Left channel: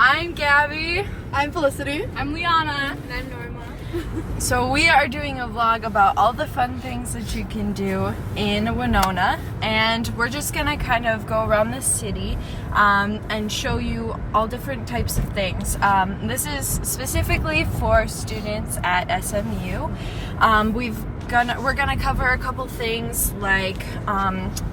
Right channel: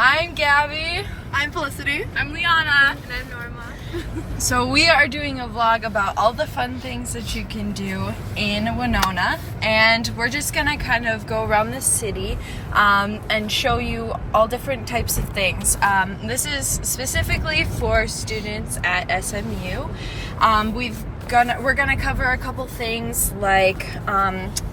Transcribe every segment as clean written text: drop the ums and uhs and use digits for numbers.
I'm Gabby. I'm Felicity. I'm Liana. And I'm Norma. So we are doing a vlog about all the fun things that you can do in Winona, and we're just gonna kind of go around the city and show you all different types of things. This is specifically for students at SMU. We're gonna cover a couple things like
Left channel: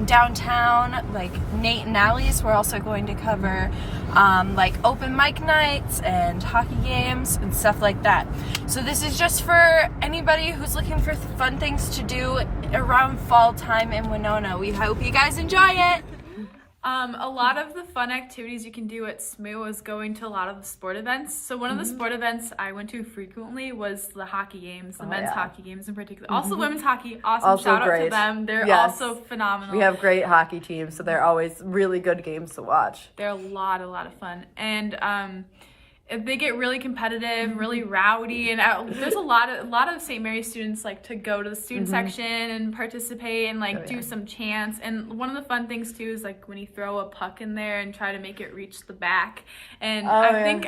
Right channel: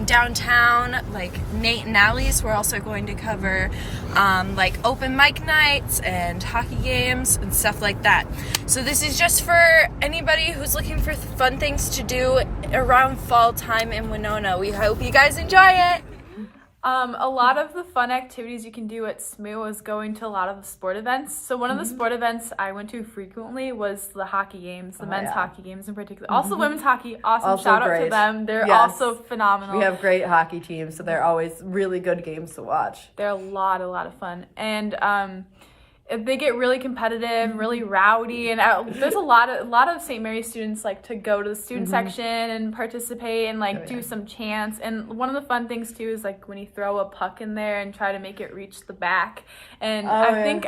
downtown, like Nate and Allie's. We're also going to cover like open mic nights and hockey games and stuff like that. So this is just for anybody who's looking for fun things to do around fall time in Winona. We hope you guys enjoy it. A lot of the fun activities you can do at SMU is going to a lot of the sport events. So one of the sport events I went to frequently was the hockey games, the men's hockey games in particular. Also women's hockey, awesome. Also shout great. out to them. They're Yes. also phenomenal. We have great hockey teams, so they're always really good games to watch. They're a lot of fun. And they get really competitive, really rowdy, and there's a lot of St. Mary's students like to go to the student section and participate and do some chants. And one of the fun things too is like when you throw a puck in there and try to make it reach the back. And think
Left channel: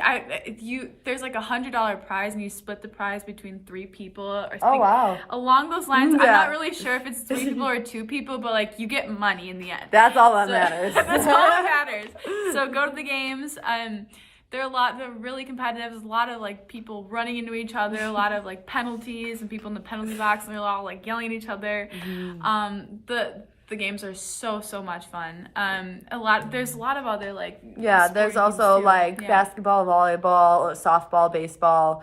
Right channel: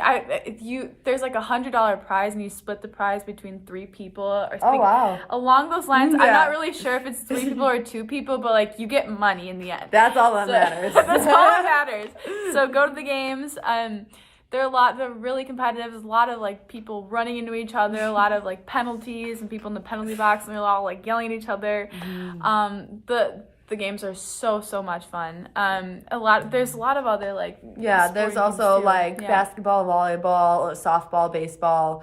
there's like $100 prize, and you split the prize between 3 people or something. Oh wow! Along those lines, I'm not really sure if it's 3 people or 2 people, but like you get money in the end. That's all that matters. That's all that matters. So go to the games. They're really competitive. There's a lot of like people running into each other, a lot of like penalties and people in the penalty box, and they're all like yelling at each other. The games are so much fun. There's a lot of other like there's also basketball, volleyball, softball, baseball,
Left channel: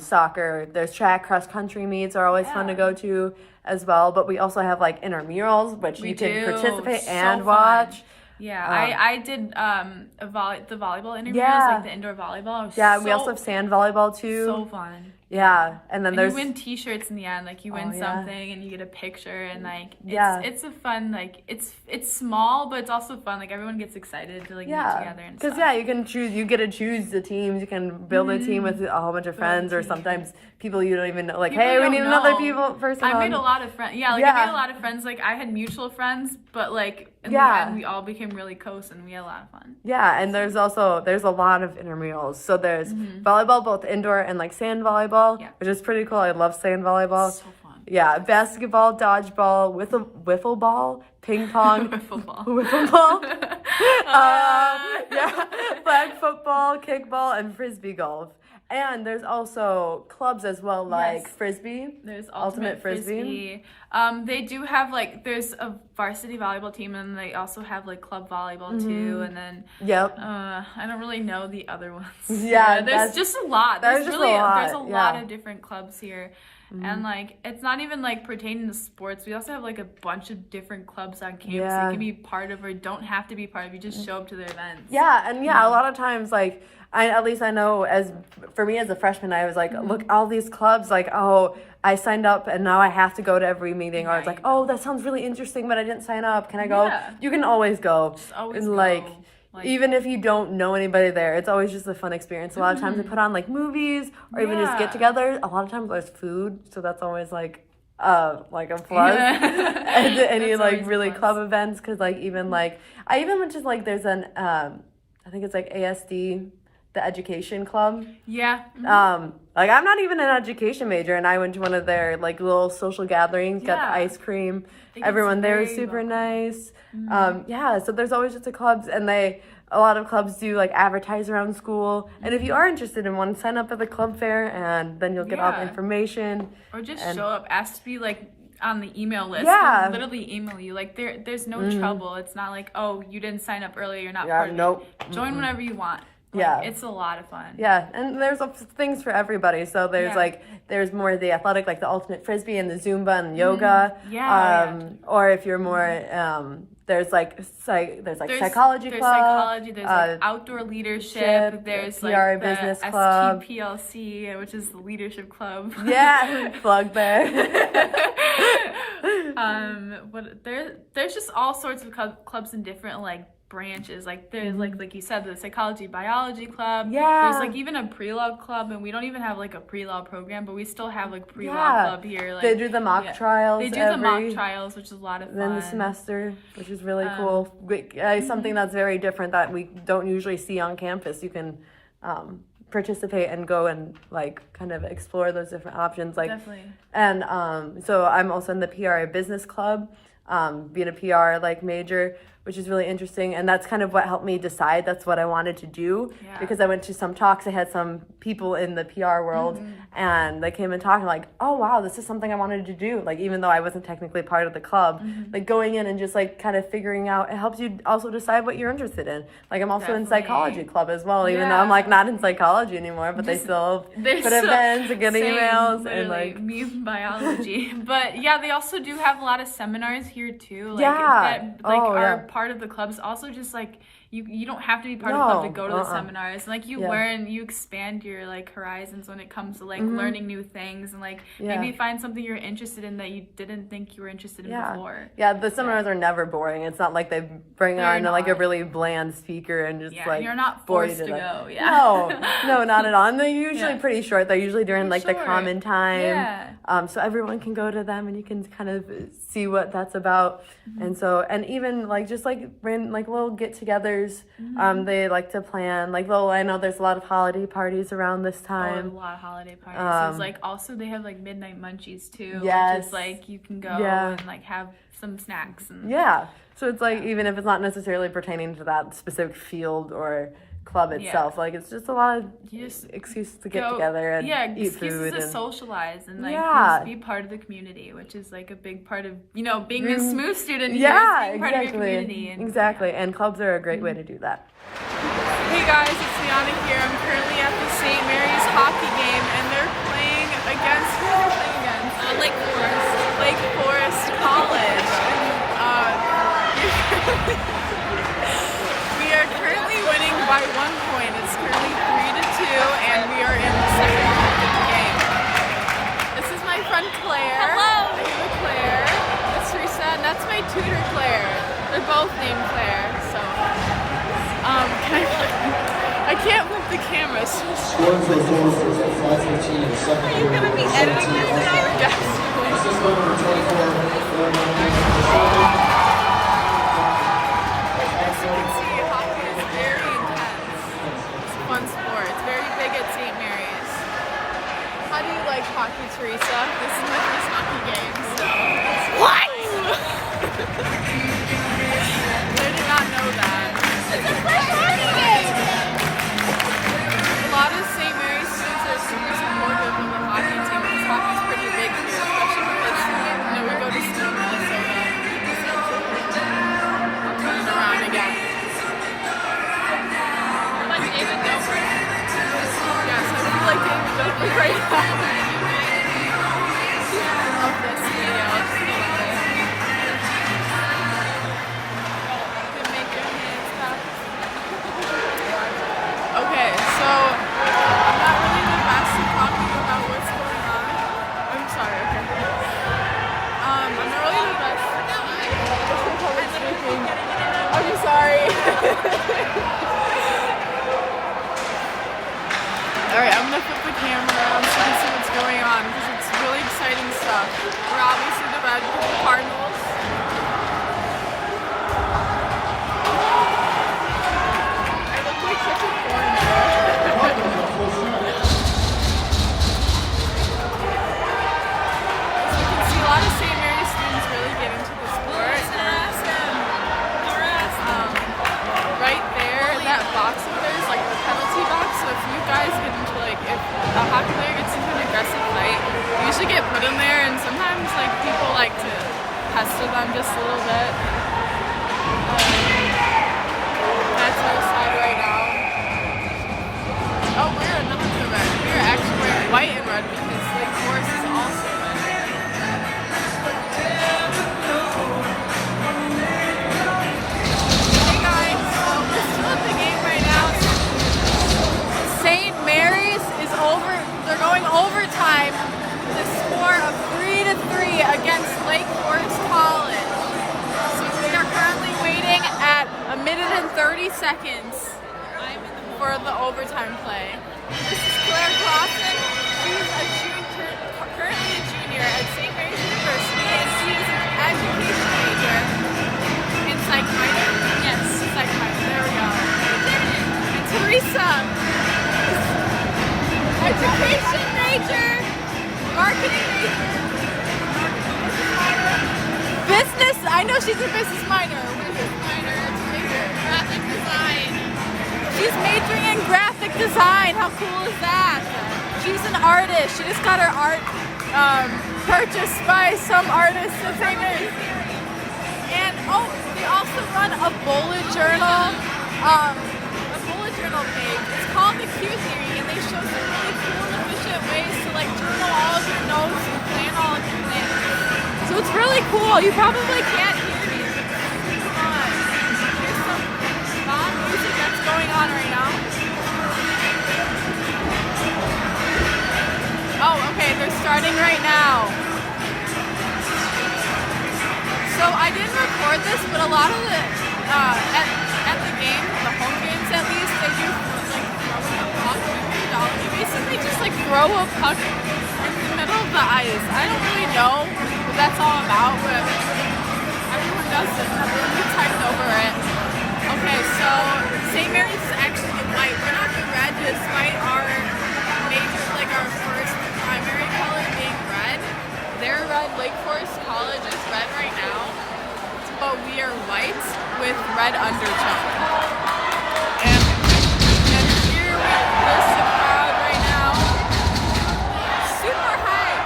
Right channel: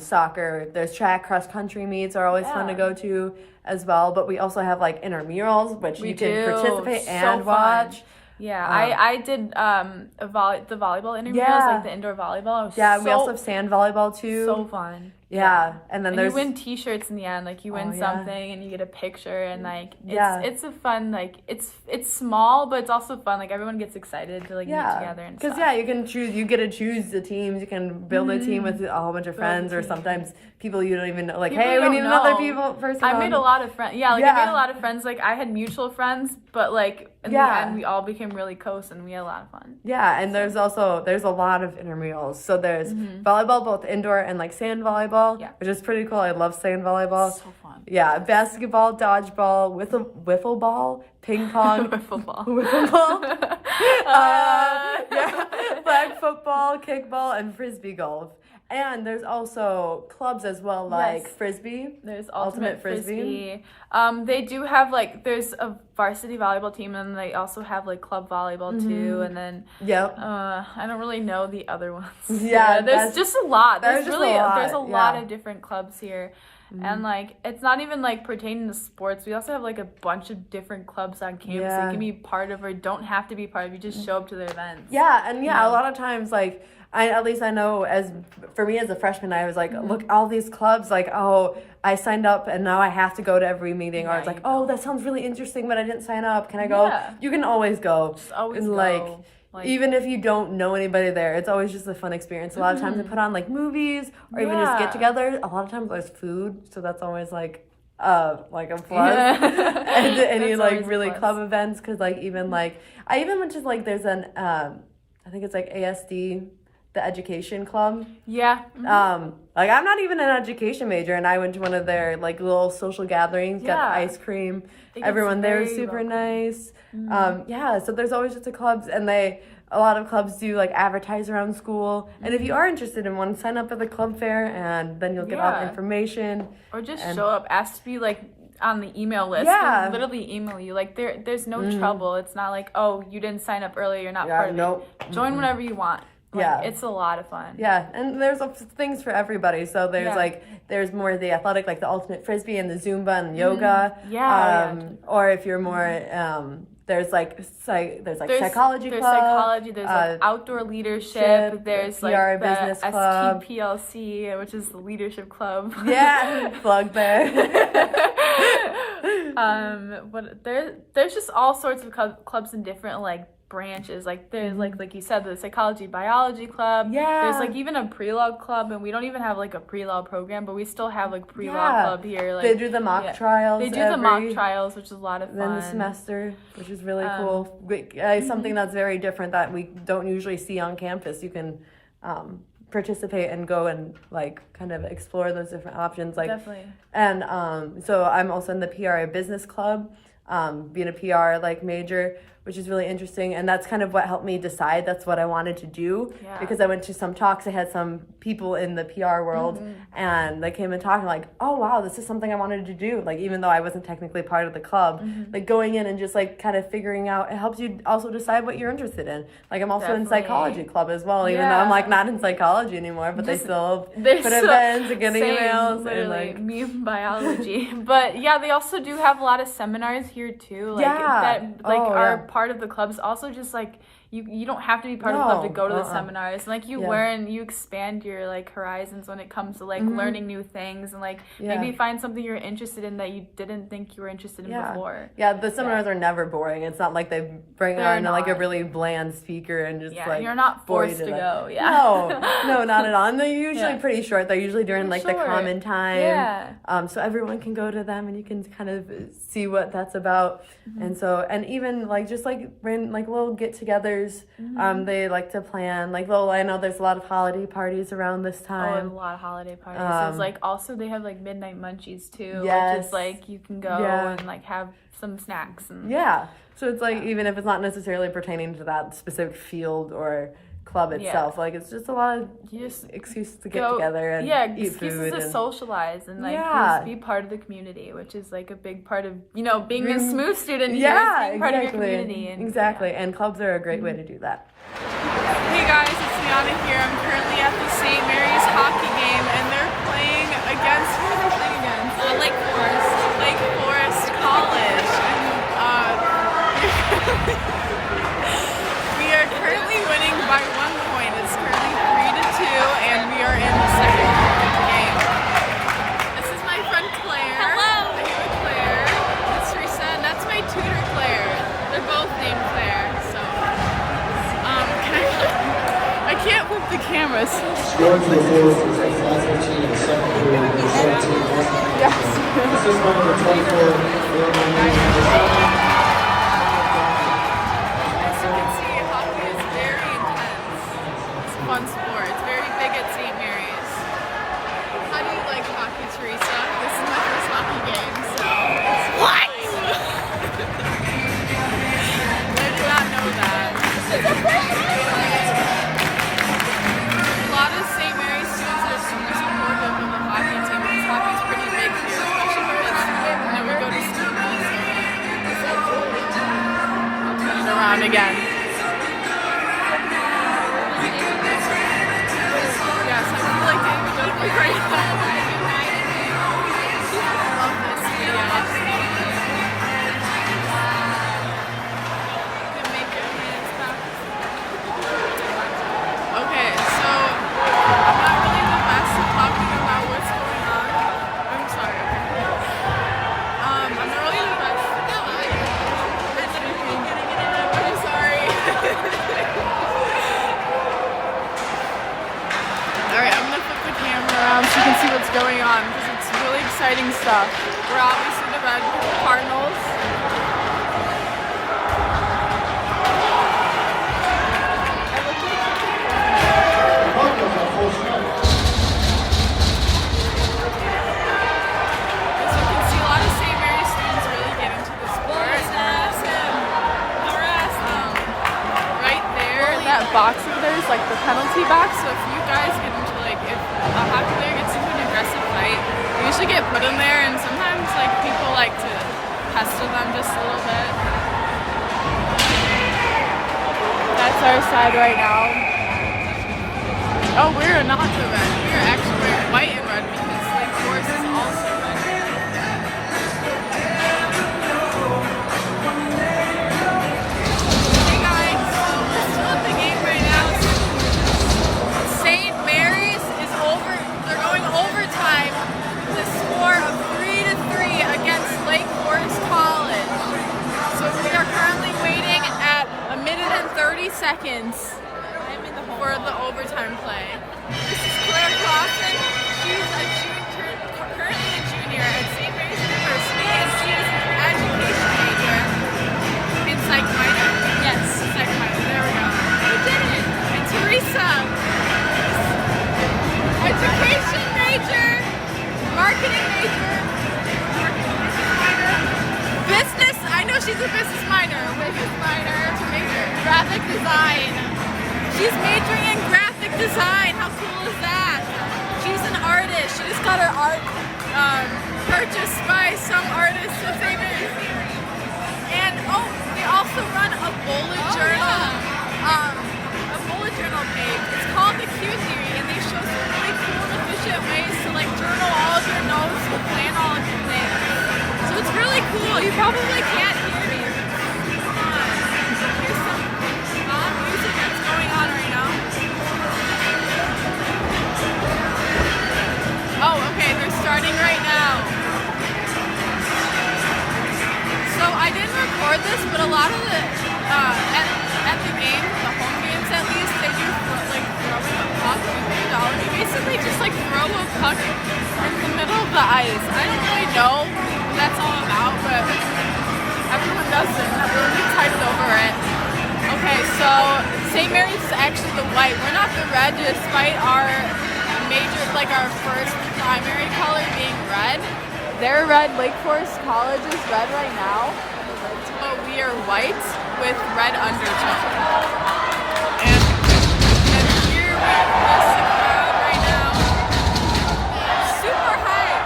soccer. There's track, cross country meets are always fun to go to as well. But we also have like intramurals, which you can participate and watch. Yeah, I did the volleyball interviews, like the indoor volleyball. We also have sand volleyball too. So fun. Yeah, and then you win T-shirts in the end. Like you win something and you get a picture, and like it's a fun it's small, but it's also fun. Like everyone gets excited to get together and stuff. Because you can choose. You get to choose the teams. You can build a team with a whole bunch of friends, or sometimes people you don't even know. Like, hey, we need another person. I made a lot of friends. I made a lot of friends. Like I had mutual friends, but like in the end, we all became really close, and we had a lot of fun. Yeah, and there's a lot of intramurals. So there's volleyball, both indoor and like sand volleyball, which is pretty cool. I love sand volleyball. So fun. Yeah, basketball, dodgeball, wiffle ball, ping pong, wiffle ball, flag football, kickball, and frisbee golf. And there's also clubs as well, like frisbee. There's ultimate frisbee. They do have there's a varsity volleyball team, and they also have like club volleyball too. And then I don't really know the other ones. Yeah, there's just a lot. There's a lot of different clubs here. And it's not even pertaining to sports. We also have a bunch of different clubs on campus that can be part of or don't have to be part of. You just show up to their events. A lot of times I know for me as a freshman, I was look, all these clubs, I signed up and now I have to go to every meeting, or it's that sounds really interesting, but I didn't sign up. Can I go? You can always go. Just always go. Even if you don't know anybody there, it's always just a fun experience. A lot of times they put on movies or even just get together. A lot of times there's food, so that's always a plus. And any really club events, because I even went to there's an I think it's ASD, the education club. I'm not even an education major, and I went to one of their little social gatherings, got ice cream. Everyone there was super nice. So there's always just clubs, and a lot of clubs do advertise around school. And if you are interested in one, sign up at the club fair, and then you'll get all the information. Or just show up, ask to be on the email list. They'll literally email you. There's no trouble. It's not you didn't sign up early, you're not part of it. Join whenever you want. It's a lot of fun. And there's things for everybody. So there's there's more the athletic, the ultimate frisbee and the Zumba and yoga. Or if you're more there's psychology club. There's psychology. There's outdoor leadership. There's PR business club. STPLC, which is the leadership club. Plug there. There's just all sorts of clubs in different branches. Like there's like you said, the psychology biology club. Yeah. There's like even a pre-law club, and we don't even have like a pre-law program, but we still have like pre-law club here. Like, they do the mock trials. They do the mock trials, which is a lot of fun. Then the semester, which is really cool. Something that's very different that we don't usually see on campus. You can participate and go and like kind of explore those different options. Like, definitely. And so I'm also in the PRA business club, being a PR like major, which is really interesting. And that's kind of what helped me decide that's what I wanted to do, because I went to some talks. I had some people in the PR world and they came and talking like, oh wow, this is something I wanted to do. Like, even though I wasn't technically part of the club, like going in and just like kind of figuring out, it helps you also decide what you're interested in. Like, I'm also in psychology club as well, even though I'm like not in psychology anymore, but they still put events and get emails and like me in biology. But yeah, they also do have a lot of seminars here too. Like, are part of the clubs. Also, just like you don't have to be part of the club to go to the seminars. Like, you learn, you expand your like horizons when it comes to like learning new things, and like maybe find something you're interested in that you didn't think you were interested in before. The seminars are never boring. It's not like they bring on like a really bland speaker and just like you're not forced to go. No, not at all. And they're usually pretty short. They're usually during like the common time. So everyone can go to them and you can kind of see what that's about. And so, and even like just like little get-togethers, they like to plan like I know there's a lot of holiday parties around this time. A lot of holiday parties. It's like also they have like midnight munchies too, which is like you can go and like have some snacks and so it's like even if it's not necessarily pertaining to that specific field or club itself, like it's just a lot of excuses to get together and eat food to and socialize and like just be part of the community, which is like a big part of being a smooth student. Being part of your community and clubs are a great way to do that. Hey guys, it's Winona here. I'm currently at the St. Mary's hockey game and they're playing against Lake Forest College, and we are currently winning by 1 point. It's currently 3-2, and we are in the second half of the game. This is my friend Claire. Hello. Are you a Claire? That's Teresa, and that's my tutor Claire. They're both named Claire, so I can't move the cameras. Scoring for the Forest is at 5:15 in the second period. 17 This is number 24. As you can see, hockey is very intense. It's a fun sport. It's very big at St. Mary's. How do you like hockey, Teresa? This is my first hockey game, so... What?! I did not know that. it's the first hockey game. A lot of St. Mary's students are super supportive of the hockey team because hockey's pretty big here, especially because we go to school in Minnesota. I'll turn it around again. Like David Dobrik. Yes, I feel like David Dobrik right now. I love this video. I just love it. You can make your hands clap. Okay, so I'm not really the best at talking about what's going on. I'm sorry, okay. I'm not really the best at public speaking. I'm sorry. Alright, I'm gonna flip the camera around so you can see what's going on because it's really exciting stuff. We're obviously the red because the Cardinals. I look like such a foreigner. As you can see, a lot of St. Mary's students really get into the sport. Right there, that box over there is like the penalty box. So if you guys get into if a hockey player gets into an aggressive fight, you usually get put in there, and sometimes like people like to pester them just a little bit. That's our side right now. Oh, we're not the red. We are actually wearing white and red because Lake Forest is also red. Hey guys, so we're still at the game right now. St. Mary's is they're going overtime with a score of 3-3 against Lake Forest College. So we are currently waiting at 1 minute and for the overtime play. This is Claire Clausen. She's currently a junior at St. Mary's University, and she is an education major in psych minor. Yes, psych minor. There we go. And Teresa, education major, marketing major, business minor. Business. I know she's a business minor. What is it? Minor. What's her major? Graphic design. She's majoring in graphic design. How cool is that? She's an artist. She just got her art purchased by some artist or something. And they also run a bullet journal page. It's called the Q Theory, and they show some really cool and efficient ways to like journal all of your notes and plan all of your things. So it's really cool. You probably can't hear me, but it's super fun. Here's some fun music that's going on right now. Oh, okay, they're starting right now. So I didn't record this, but a lot of the at the games, the home games at least, they do like throwing a puck. You basically just like throw a puck in the middle of the ice. I don't really know what that's all about, but everyone does it and everyone gets hyped over it. Okay, so St. Mary's is actually the white. We're not the red, despite our major, like our first primary color being red. They're red. Lake Forest College is red right now, but we are white with red undertone. And here we're right now. Super high.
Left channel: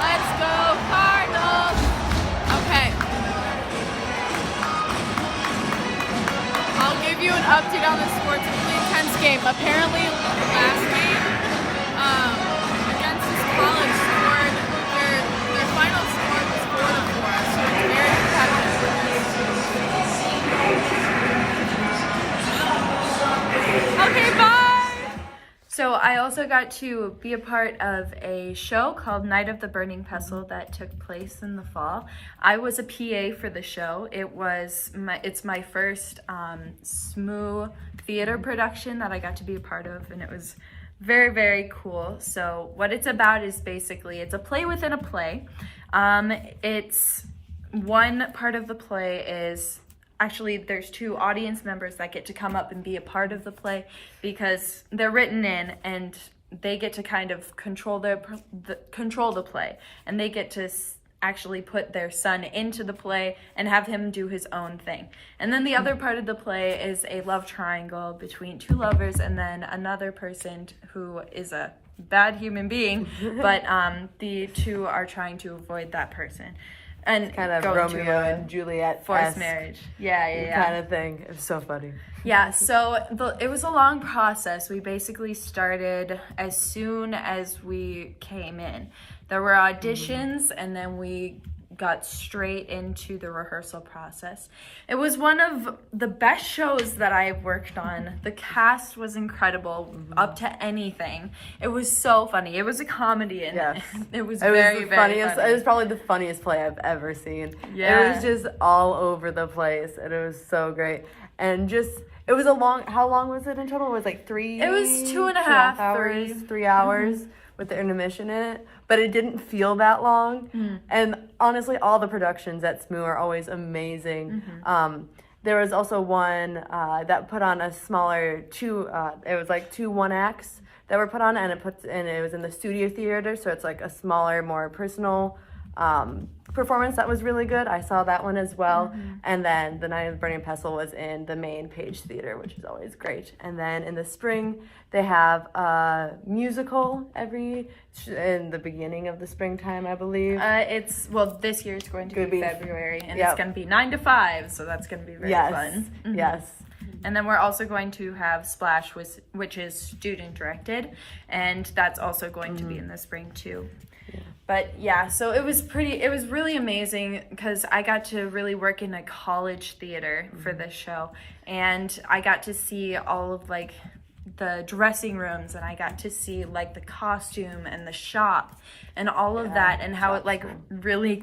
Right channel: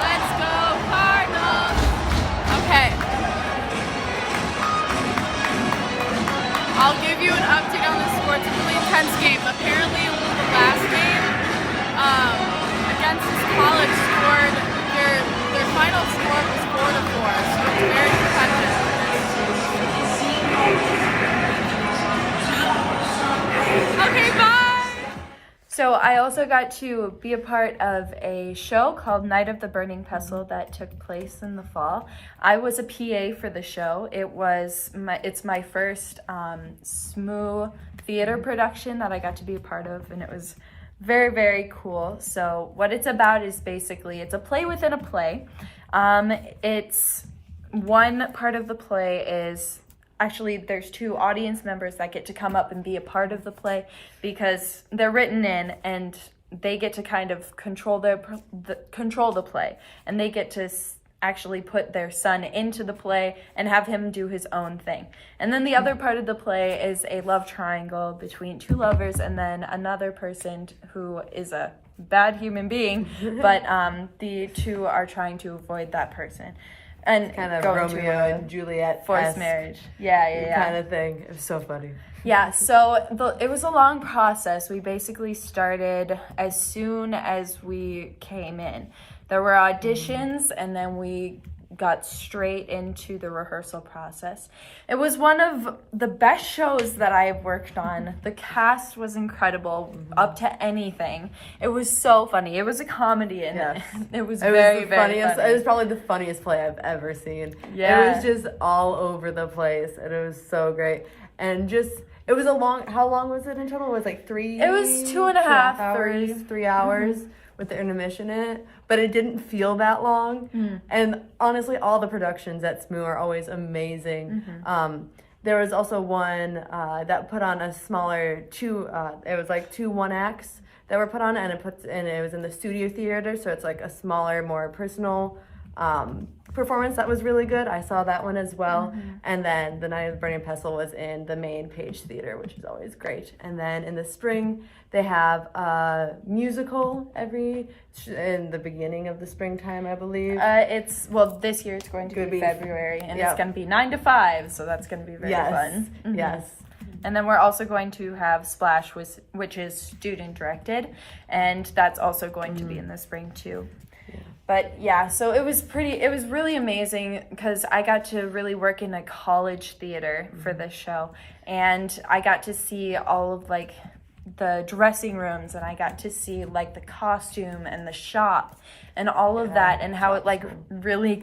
Let's go Cardinals. Okay. I'll give you an update on the score. It's a really intense game. Apparently the last game against this college scored their final score was 4-4, so it's very competitive. Okay, bye! So I also got to be a part of a show called Night of the Burning Pestle that took place in the fall. I was a PA for the show. It's my first SMU theater production that I got to be a part of, and it was very, very cool. So what it's about is basically, it's a play within a play. It's one part of the play is, actually there's two audience members that get to come up and be a part of the play because they're written in and they get to kind of control the play, and they get to actually put their son into the play and have him do his own thing. And then the other part of the play is a love triangle between two lovers and then another person who is a bad human being, but the two are trying to avoid that person and kind of go Romeo into a and Juliet forced marriage. Yeah. Kind of thing. It's so funny. Yeah, so it was a long process. We basically started as soon as we came in. There were auditions, and then we got straight into the rehearsal process. It was one of the best shows that I've worked on. The cast was incredible, up to anything. It was so funny. It was a comedy, and it was very funny. It was probably the funniest play I've ever seen. Yeah. It was just all over the place, and it was so great. And just, it was how long was it in total? It was like 3 It was 2.5 hours, 3 hours with the intermission in it. But it didn't feel that long. And honestly, all the productions at SMU are always amazing. There was also one that put on a smaller it was like 2 one-acts that were put on, and it was in the studio theater, so it's like a smaller, more personal performance that was really good. I saw that one as well. And then the Night of the Burning Pestle was in the main Page Theater, which is always great. And then in the spring, they have a musical in the beginning of the springtime, I believe. This year it's going to be February, and it's going to be 9 to 5, so that's going to be very fun. Yes. And then we're also going to have Splash, which is student directed, and that's also going to be in the spring too. But yeah, so it was really amazing because I got to really work in a college theater for this show, and I got to see all of the dressing rooms, and I got to see like the costume and the shop and all of that, and how it like really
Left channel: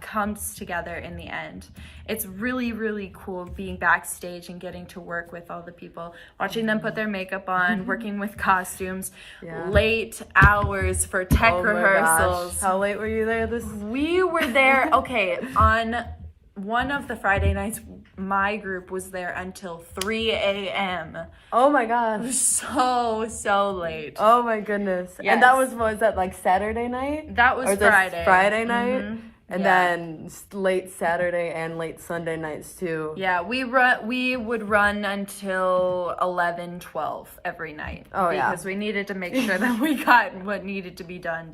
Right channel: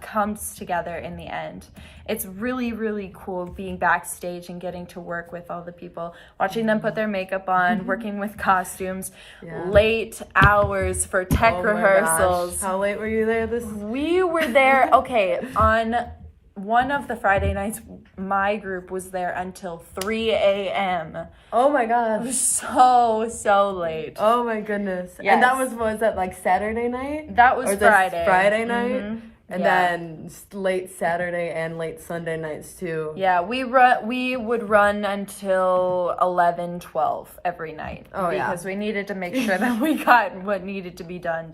comes together in the end. It's really, really cool being backstage and getting to work with all the people, watching them put their makeup on, working with costumes, late hours for tech rehearsals. How late were you there We were there, on one of the Friday nights, my group was there until 3 a.m. Oh my gosh. It was so late. Oh my goodness. Yes. And was that like Saturday night? That was Friday. Friday night? And Yeah. then late Saturday and late Sunday nights too. Yeah, we would run until 11, 12 every night. Because we needed to make sure that we got what needed to be done.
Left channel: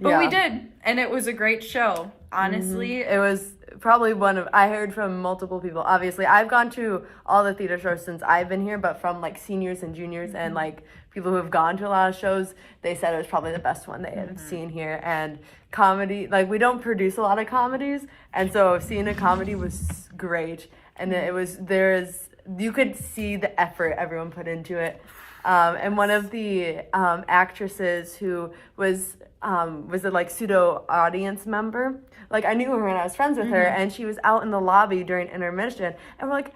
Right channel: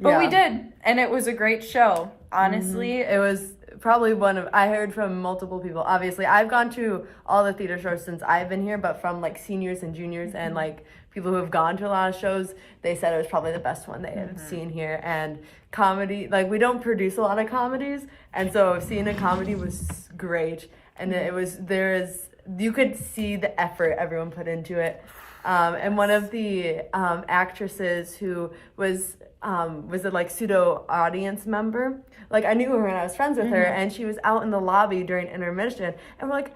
But we did, and it was a great show. Honestly, It was probably I heard from multiple people. Obviously, I've gone to all the theater shows since I've been here, but from like seniors and juniors and like people who have gone to a lot of shows, they said it was probably the best one they had seen here. And comedy, like we don't produce a lot of comedies, and so seeing a comedy was great. And you could see the effort everyone put into it. And one of the actresses who was a like pseudo audience member, like I knew her and I was friends with her, and she was out in the lobby during intermission, and we're like,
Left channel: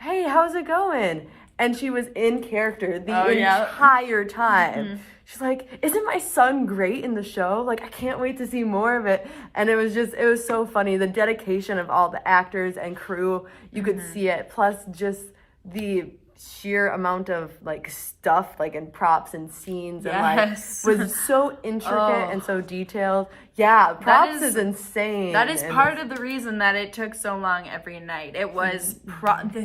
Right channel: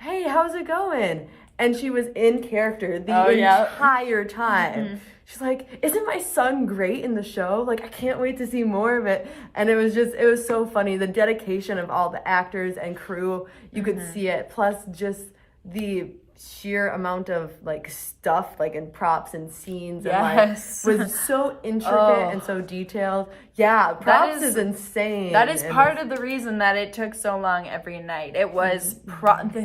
hey, how's it going? And she was in character the entire time. She's like, isn't my son great in the show? Like, I can't wait to see more of it. And it was so funny. The dedication of all the actors and crew, you could see it. Plus just the sheer amount of like stuff, like in props and scenes, and like was so intricate and so detailed. Yeah, props is insane. That is part of the reason that it took so long every night. It was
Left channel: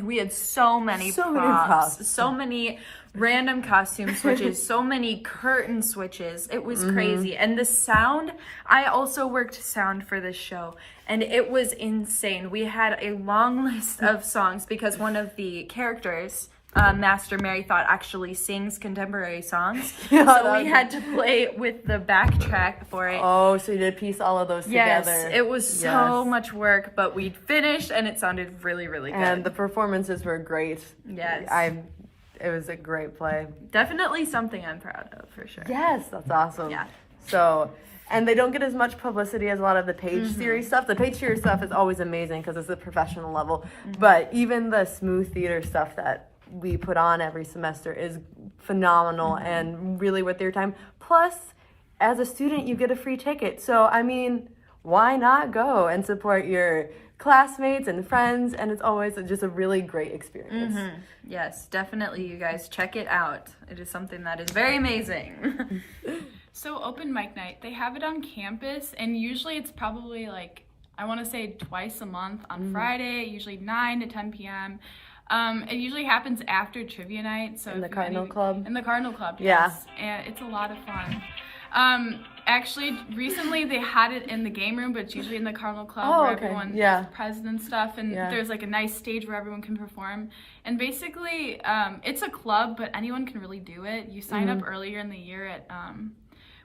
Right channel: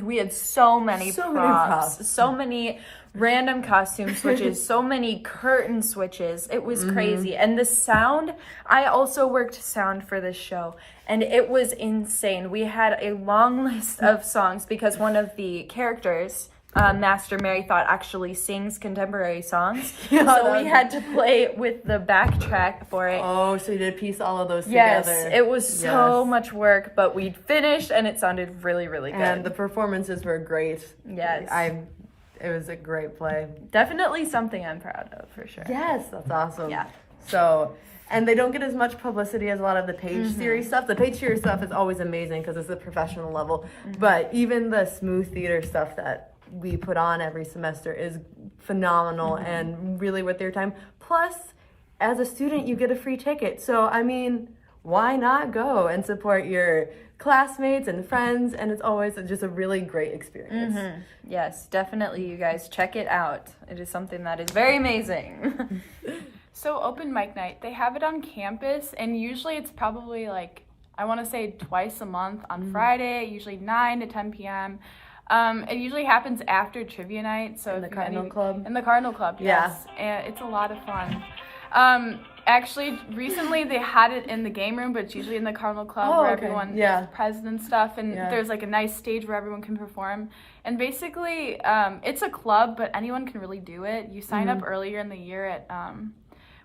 we had so many props, so many random costume switches, so many curtain switches. It was crazy. And the sound, I also worked sound for this show, and it was insane. We had a long list of songs because one of the characters, Master Mary Thought, actually sings contemporary songs. So we had to play with the backtrack for it. Oh, so you did piece all of those yes, together. It was so much work, but we finished and it sounded really, really good. And the performances were great. Yes. It was a great play. Definitely something I'm proud of, for sure. Yes, that's awesome. Yeah. So, and they don't get as much publicity as a lot of the page series stuff. The page series stuff is always amazing because it's a professional level. But even the smooth theater stuff that we put on every semester is phenomenal and really worth your time. Plus, as a student, you get a free ticket. So, I mean, why not go and support your classmates and friends? And it's always just a really great experience. Yes, definitely, you guys check it out. It is something that is very amazing. So open mic night, they have it on campus, and usually it's probably like, I want to say twice a month on Friday, usually 9 to 10 p.m. It usually happens after trivia night. So In the Cardinal Club? In the Cardinal Club, yes. And it's a lot of fun. Actually, recently they had it in the game room, but it's usually in the Cardinal Club where everyone is present and stuff, and there's like a nice stage where everyone can perform. And basically, it's a club, but anyone can really do it. You sign up earlier in the year at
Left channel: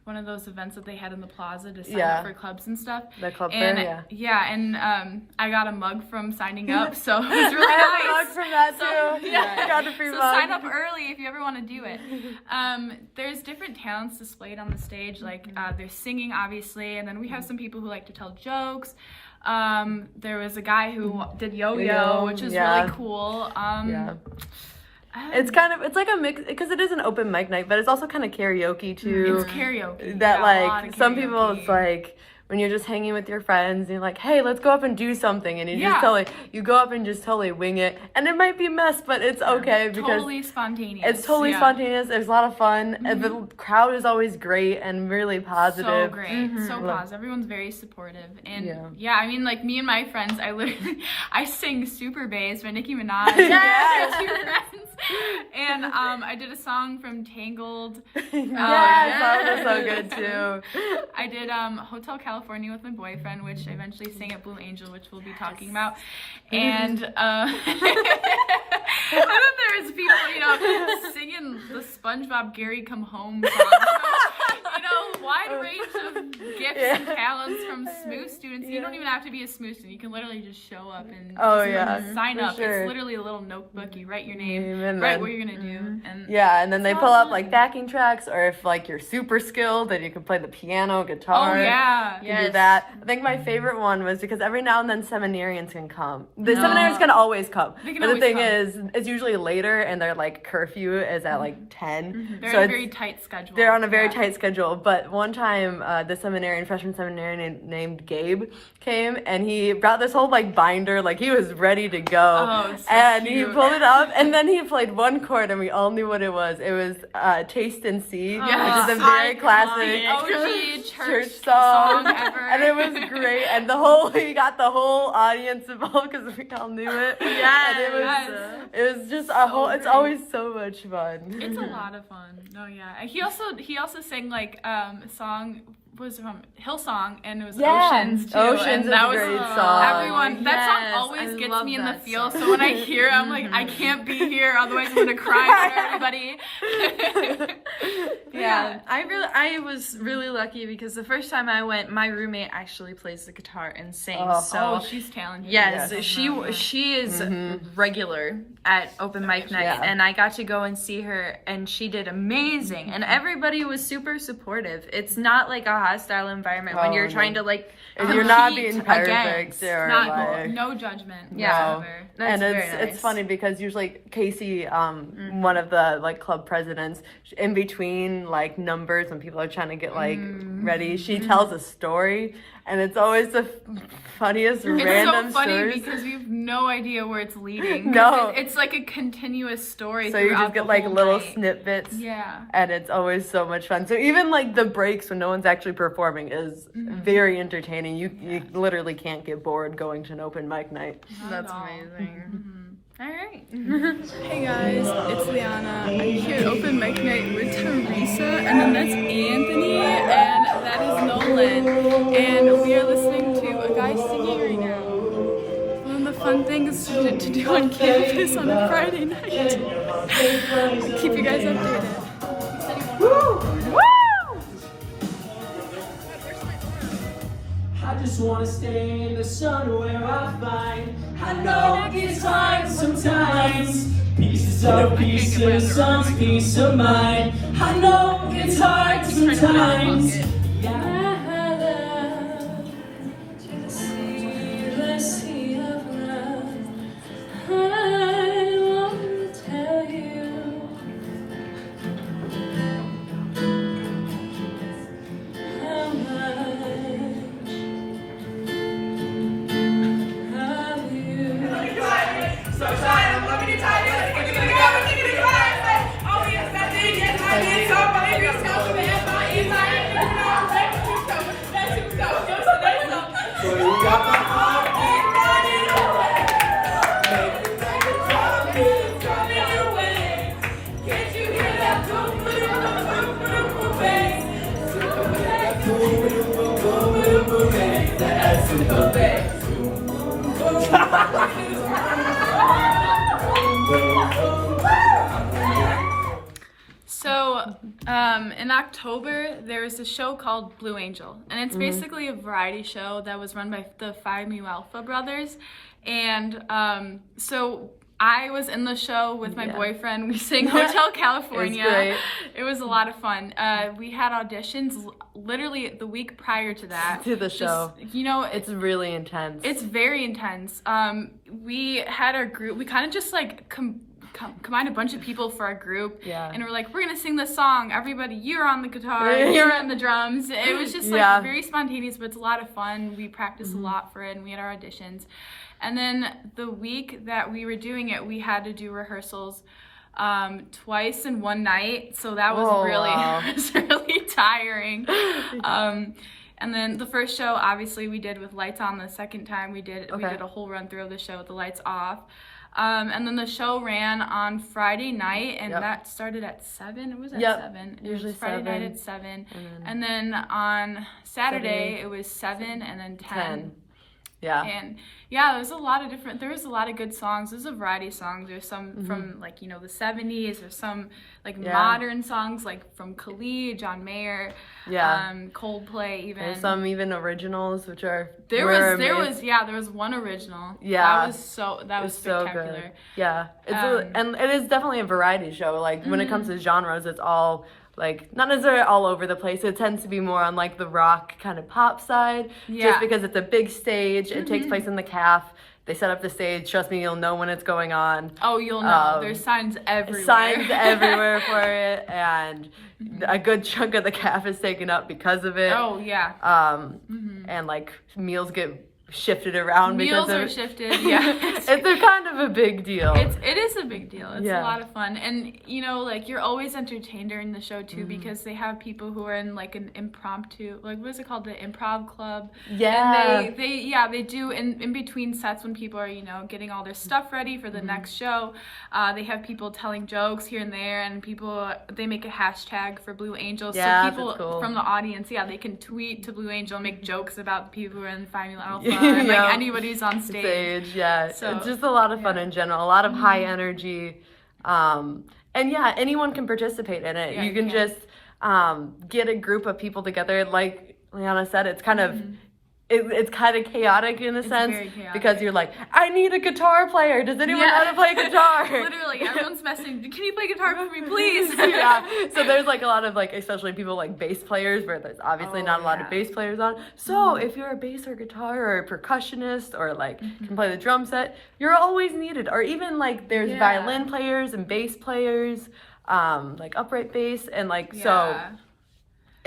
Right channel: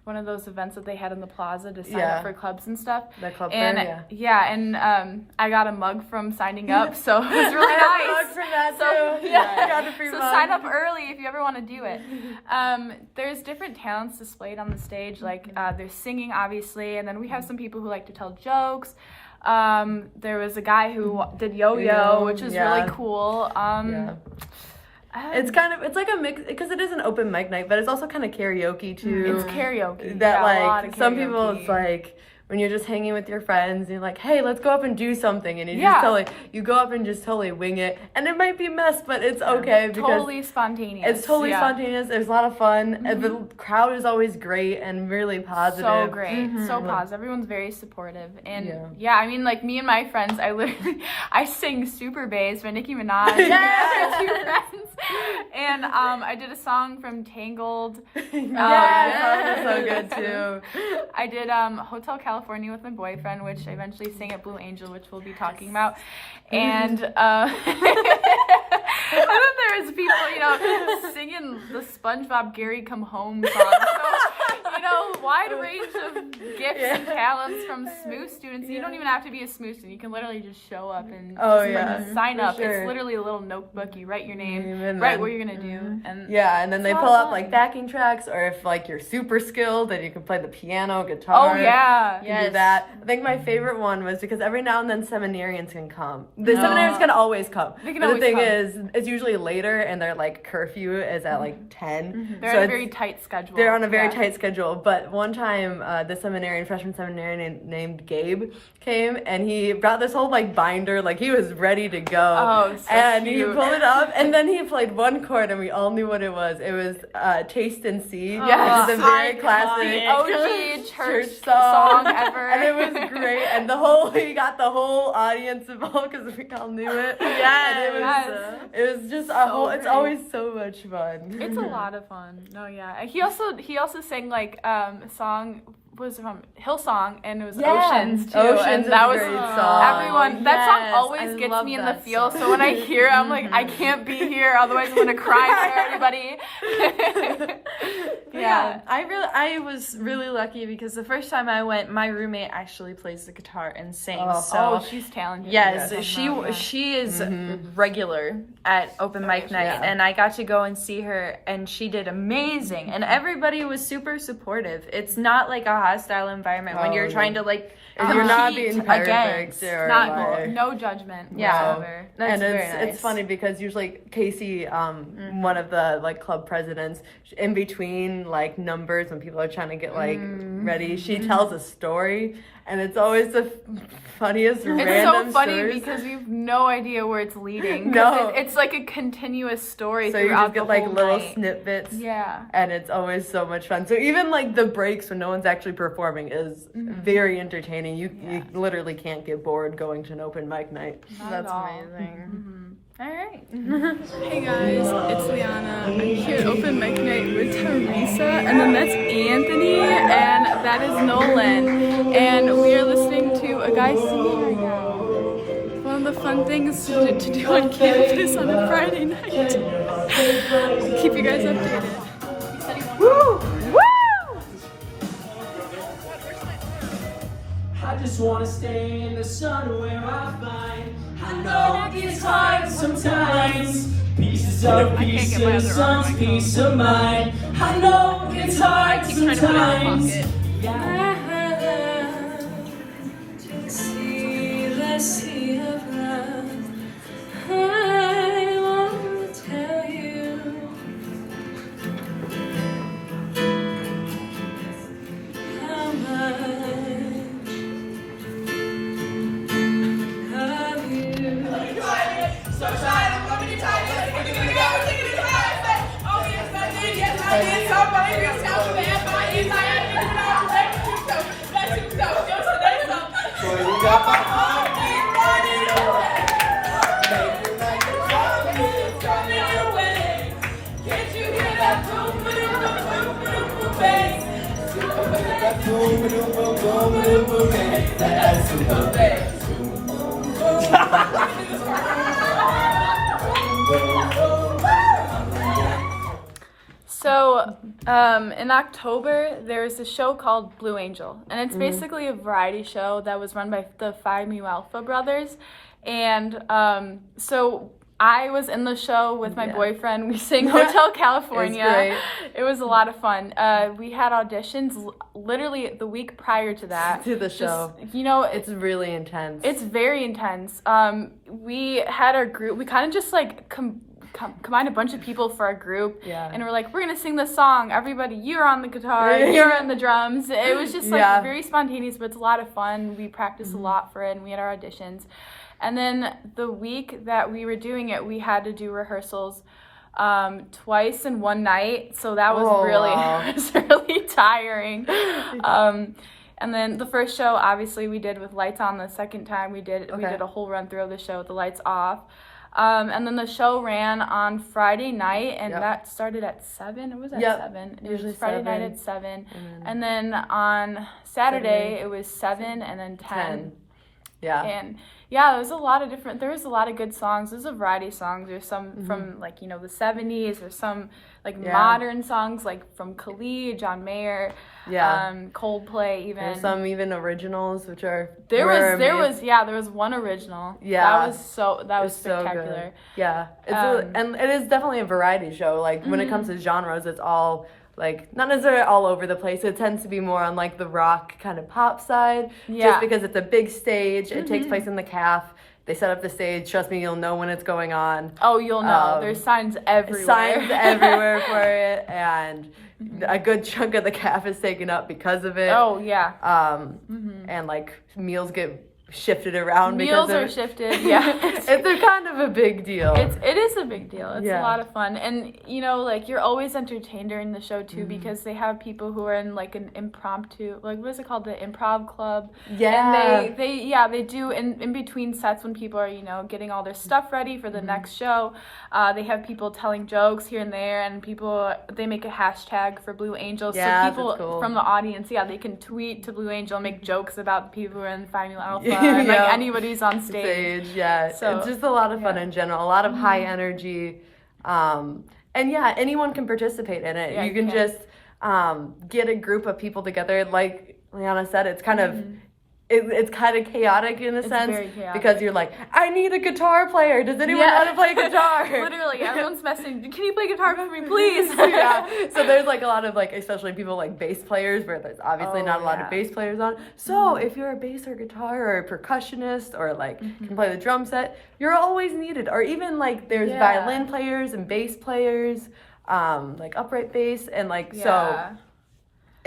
one of those events that they had in the plaza to sign up for clubs and stuff. The club and, fair, and I got a mug from signing up, so it was really I got nice. a mug from that too. I got a free mug. Sign up early if you ever want to do it. There's different talents displayed on the stage, like there's singing, obviously, and then we have some people who like to tell jokes. There was a guy who did yo-yo, which is really cool. It's like a mix, because it is an open mic night, but it's also kind of karaoke too. It's karaoke. That like some people, it's like when you're just hanging with your friends and you're like, hey, let's go up and do something, and you just you go up and just totally wing it, and it might be a mess, but it's okay because totally spontaneous. It's totally spontaneous. There's a lot of fun, and the crowd is always great and really positive. So great, so positive. Everyone's very supportive, and I mean, like me and my friends, I sing Super Bass by Nicki Minaj. And I did a song from Tangled. That was so good too. I did Hotel California with my boyfriend, which I eventually sang at Blue Angel, which we'll be talking about. And and then there was people, singing the SpongeBob Gary Come Home song. So, wide range of gifts and talents from SMOO students. You don't even have to be a SMOO student. You can literally just show up and sign up. Sure. It's literally a little notebook. You write your name, write what you're gonna do, and and then they pull up like backing tracks, or if like you're super skilled, then you can play the piano, guitar. Oh yeah, you can do that. I think my favorite one was because every now and then seminarians can come. The seminarians can always come, but the thing is, it's usually later, and their like curfew is at like 10. They're so on a very tight schedule. They're on a very tight schedule. But one time, the freshman seminarian named Gabe came, and he brought this whole like binder, like he was ready to go. Oh, so and cute. he pulled it up, and then he played one chord, and we all knew what it was. It was Taste and See, which is a very classic church song ever. And it was great, and he got the whole audience involved because we all knew it. Yes. It was just a whole. It's always so much fun. It's a lot of fun. No, yeah. He also sang like a song. Was from Hillsong, and it was Oceans too. Oceans and is that a was great song. everyone. That song always gets me in the feel. So when I hear, I'm like, I can't be here, otherwise I'm gonna cry for everybody. I was really lucky because the first time I went, my roommate actually plays the guitar and sings. She's talented. Yes, she is regular at open mic night, and I got to go and see her, and she did amazing, and everybody was super supportive. It's not like a hostile environment when you're trying to like you're not being against. No judgment. Yeah, that's and very nice. It's funny because usually Casey, one of the like club presidents, in between like numbers when people are trying to get like ready, she tells a story. And it's always the funniest random It's so funny stories. because you have no idea where it's leading. No. It's like a continuous story. So you just get like little night. snippets. Yeah. And it's always so much fun. So even like the breaks when no one's actually performing is very entertaining. You literally can't get bored going to an open mic night. That's amazing. All right. Hey guys, it's Liana. I'm here at Open Mic Night with Teresa, and then that's Anthony, and that is Nolan. And we are listening to a guy singing right now. One of the fun things to do on campus on a Friday night. Keep you guys updated. Woo! Woo! I just wanna stay in the sun where I find. I know it gets hard sometimes. Pieces of some peace of mind. I know it gets hard sometimes. So, in October, there's a show called Blue Angel, and it's basically a variety show that was run by the Phi Mu Alpha brothers, and so I was in the show with my boyfriend. We sang Hotel California. It was great. It was a lot of fun. We had auditions literally the week prior to that. To the show. It's really intense. It's very intense. We had our group. We kind of just like combined a bunch of people for our group. Yeah. And we're like, we're gonna sing this song. Everybody, you're on the guitar, you're on the drums. It was just like very spontaneous, but it's a lot of fun. We practiced a lot for it, and we had our auditions. And then the week that we were doing it, we had to do rehearsals twice in one night. So that was really tiring. And then the first show, obviously, we did with lights on. The second time we did a whole run through of the show with the lights off. And then the show ran on Friday night, and that started at 7. It was at 7. Usually Friday 7. night at 7. And then on Saturday, it was 7 and then 10. Yeah. And Yeah, there was a lot of good songs. There's a variety of songs. There's some from like, you know, the 70s, or some like modern songs like from Khalid, John Mayer, Coldplay even. There's some even originals which are there was one original. Yeah. That was so spectacular. good. Yeah. And it is definitely a variety show. Like when it comes to genres, it's all like not necessarily all over the place. It tends to be more on like the rock kind of pop side, just because it's a big stage. It takes place in the CAF. They set up the stage. Trust me, you'll know when it's going on. Oh, you'll know. There's signs everywhere. Signs everywhere for it, and a good chunk of the CAF is taken up because of it. Oh yeah. And like meals get shifted around because meals are shifted. Yeah, it's kind of a big deal. It is a big deal. It's a lot of fun, and you know, like you're always entertained during the show too, because they have people who are in like an impromptu, like what is it called, the improv club. Yeah. And they do in between sets when people are, you know, getting all their stuff ready for the next show. They have people telling jokes here and there, and they make a hashtag for Blue Angel, so people from the audience, they can tweet to Blue Angel, make jokes about the people who are in Family Alpha, and like anybody who's on stage. So, it's just a lot of fun in general, a lot of high energy, and anyone can participate in it. You can just get a group of people together. Like Liana said, it's kind of it's kind of chaotic in a sense, because you're like, I need a guitar player. Does anyone know how to play guitar? Literally, everyone's messaging, can you play guitar for me, please? So there's like a lot of like, especially people like bass players, where there's obviously not a lot of bass players on. So if you're a bass or guitar or a percussionist, or like can play the drum set, you're always needed. Or even like there's violin players and bass players, like upright bass, and like so.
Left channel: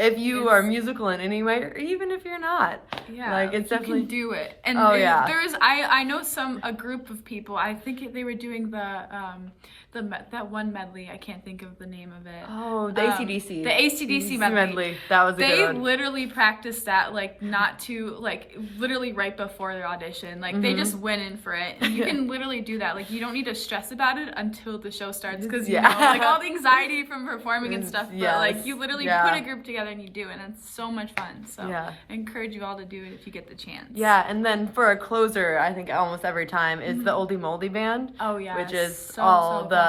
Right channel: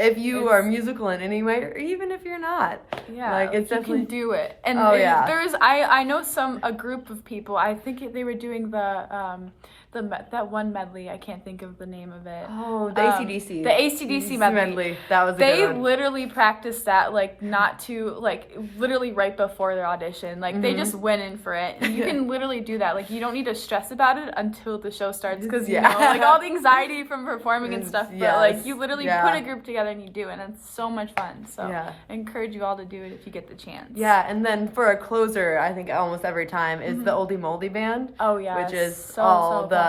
If you are musical in any way, or even if you're not, like it's definitely you can do it. And there's I know a group of people. I think they were doing that one medley. I can't think of the name of it. Oh, the AC/DC. The AC/DC medley. That was a good one. They literally practiced that literally right before their audition. Like they just went in for it. And you can literally do that. Like you don't need to stress about it until the show starts, because you know, like all the anxiety from performing and stuff. But like you literally put a group together and you do it, and it's so much fun. So I encourage you all to do it if you get the chance. Yeah, and then for a closer, I think almost every time is the Oldie Moldy Band. Oh yeah, which is all the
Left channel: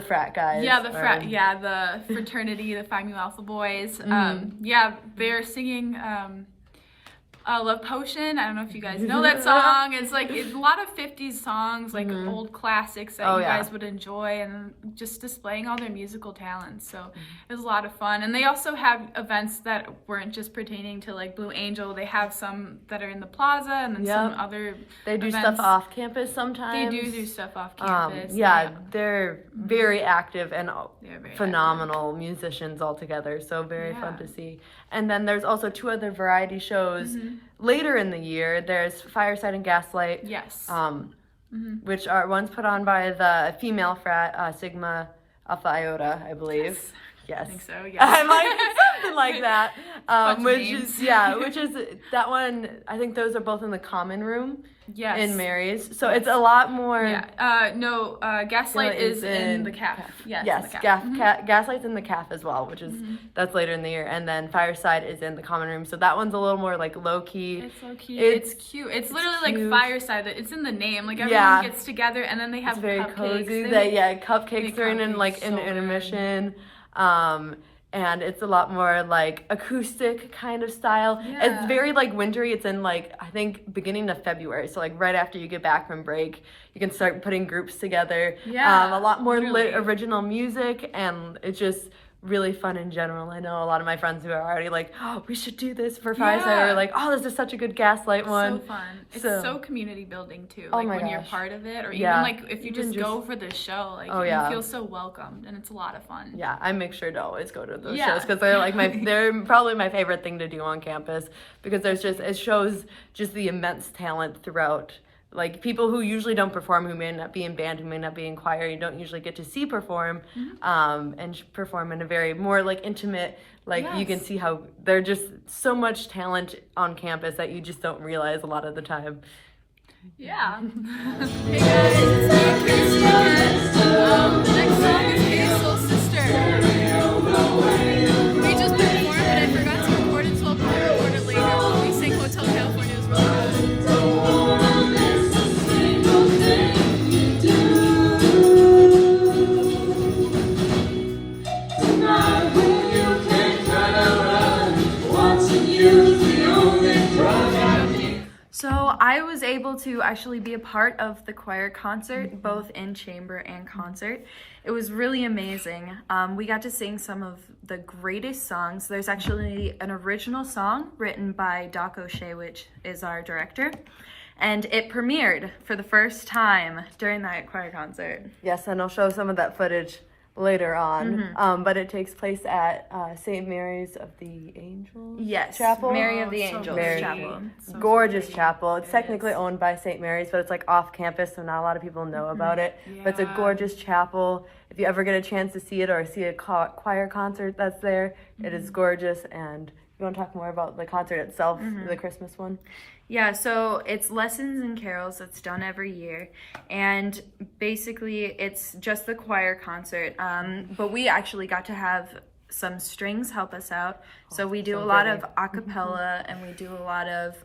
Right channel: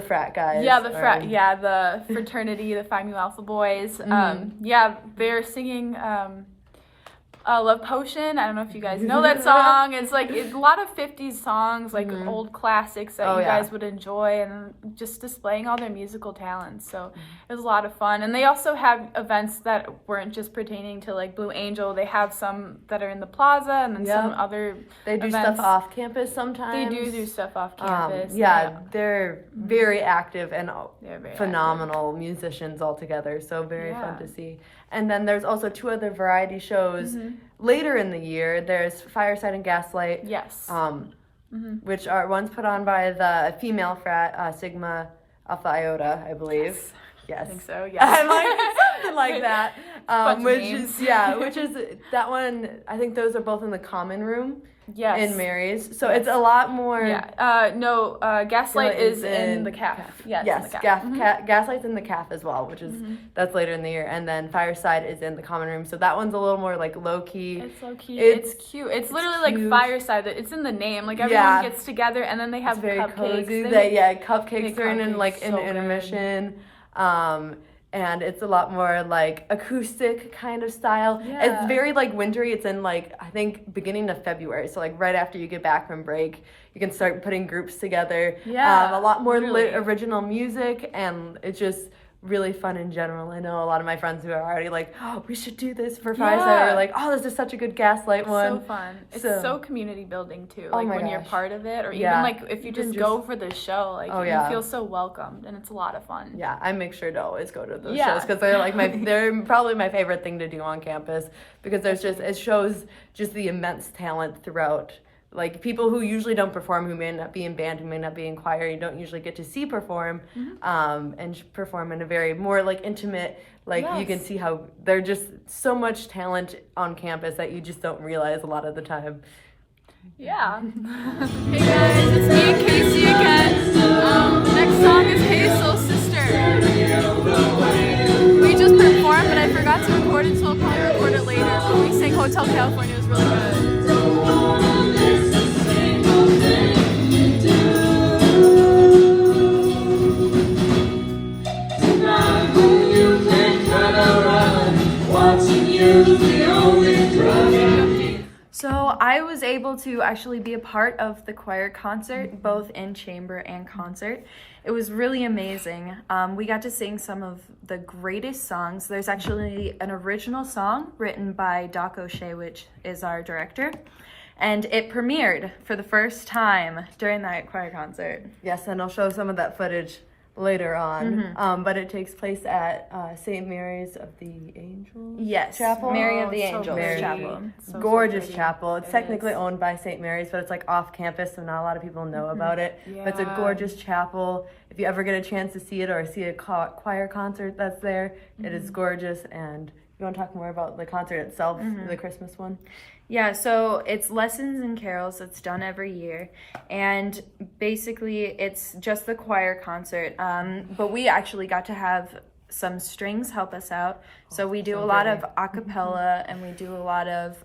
frat guys. The fraternity, the Phi Mu Alpha boys. They're singing Love Potion. I don't know if you guys know that song. It's like a lot of 50s songs, like old classics that you guys would enjoy, and just displaying all their musical talents. So it was a lot of fun. And they also have events that weren't just pertaining to like Blue Angel. They have some that are in the plaza, and then some other They do stuff off campus sometimes. They do stuff off campus. They're very active and phenomenal musicians altogether. So very fun to see. And then there's also 2 other variety shows later in the year. There's Fireside and Gaslight. Yes. Which are ones put on by the female frat, Sigma Alpha Iota, I believe. Yes. I think so, yeah. I'm like, something like that. Which is that one, I think those are both in the common room. Yes. In Mary's. So it's a lot more. Gaslight is in the CAF. Yes, Gaslight's in the CAF as well, which is, that's later in the year. And then Fireside is in the common room. So that one's a little more like low key. It's low key. It's cute. It's literally like Fireside. It's in the name. Like everyone gets together, and then they have very cupcakes. Cozy. Cupcakes are in like an intermission. And it's a lot more like acoustic kind of style. It's very like wintry. It's in like, I think beginning of February. So like right after you get back from break, you can start putting groups together. A lot more original music, and it's just really fun in general. I know a lot of my friends who are already like, oh, we should do this for Fireside, or like, oh, this is such a good Gaslight one. So fun. It's so community building too. Oh like my when gosh. You're part of it, or even like if you just go for the show, like you feel so welcomed, and it's a lot of fun. Yeah, I make sure to always go to those shows, because they're like they're probably my favorite thing to do on campus, because it shows just the immense talent throughout. Like people who usually don't perform, who may not be in band, who may not be in choir, you don't usually get to see perform, and perform in a very more like intimate, like you can see how there's just so much talent on campus that you just don't realize a lot of the time. Yeah. Hey guys, it's me and Casey again. The next song is Hey Soul Sister. We just performed, but I forgot to record it, so I'll probably record it later. But we'll sing Hotel California. It was really good. able to actually be a part of the choir concert, both in chamber and concert. It was really amazing. We got to sing some of the greatest songs. There's actually an original song written by Doc O'Shea, which is our director, and it premiered for the first time during that choir concert. Yes, and I'll show some of that footage later on. But it takes place at St. Mary's of the Angels Chapel. Mary of the Angels Chapel. Gorgeous chapel. It's technically owned by St. Mary's, but it's like off campus, so not a lot of people know about it. But it's a gorgeous chapel. If you ever get a chance to see it or see a choir concert that's there, it is gorgeous. And you want to talk more about the concert itself, the Christmas one? Yeah, so it's Lessons and Carols. It's done every year, and basically it's just the choir concert, but we actually got to have some strings help us out. So we do a lot of a cappella, and we do a lot of,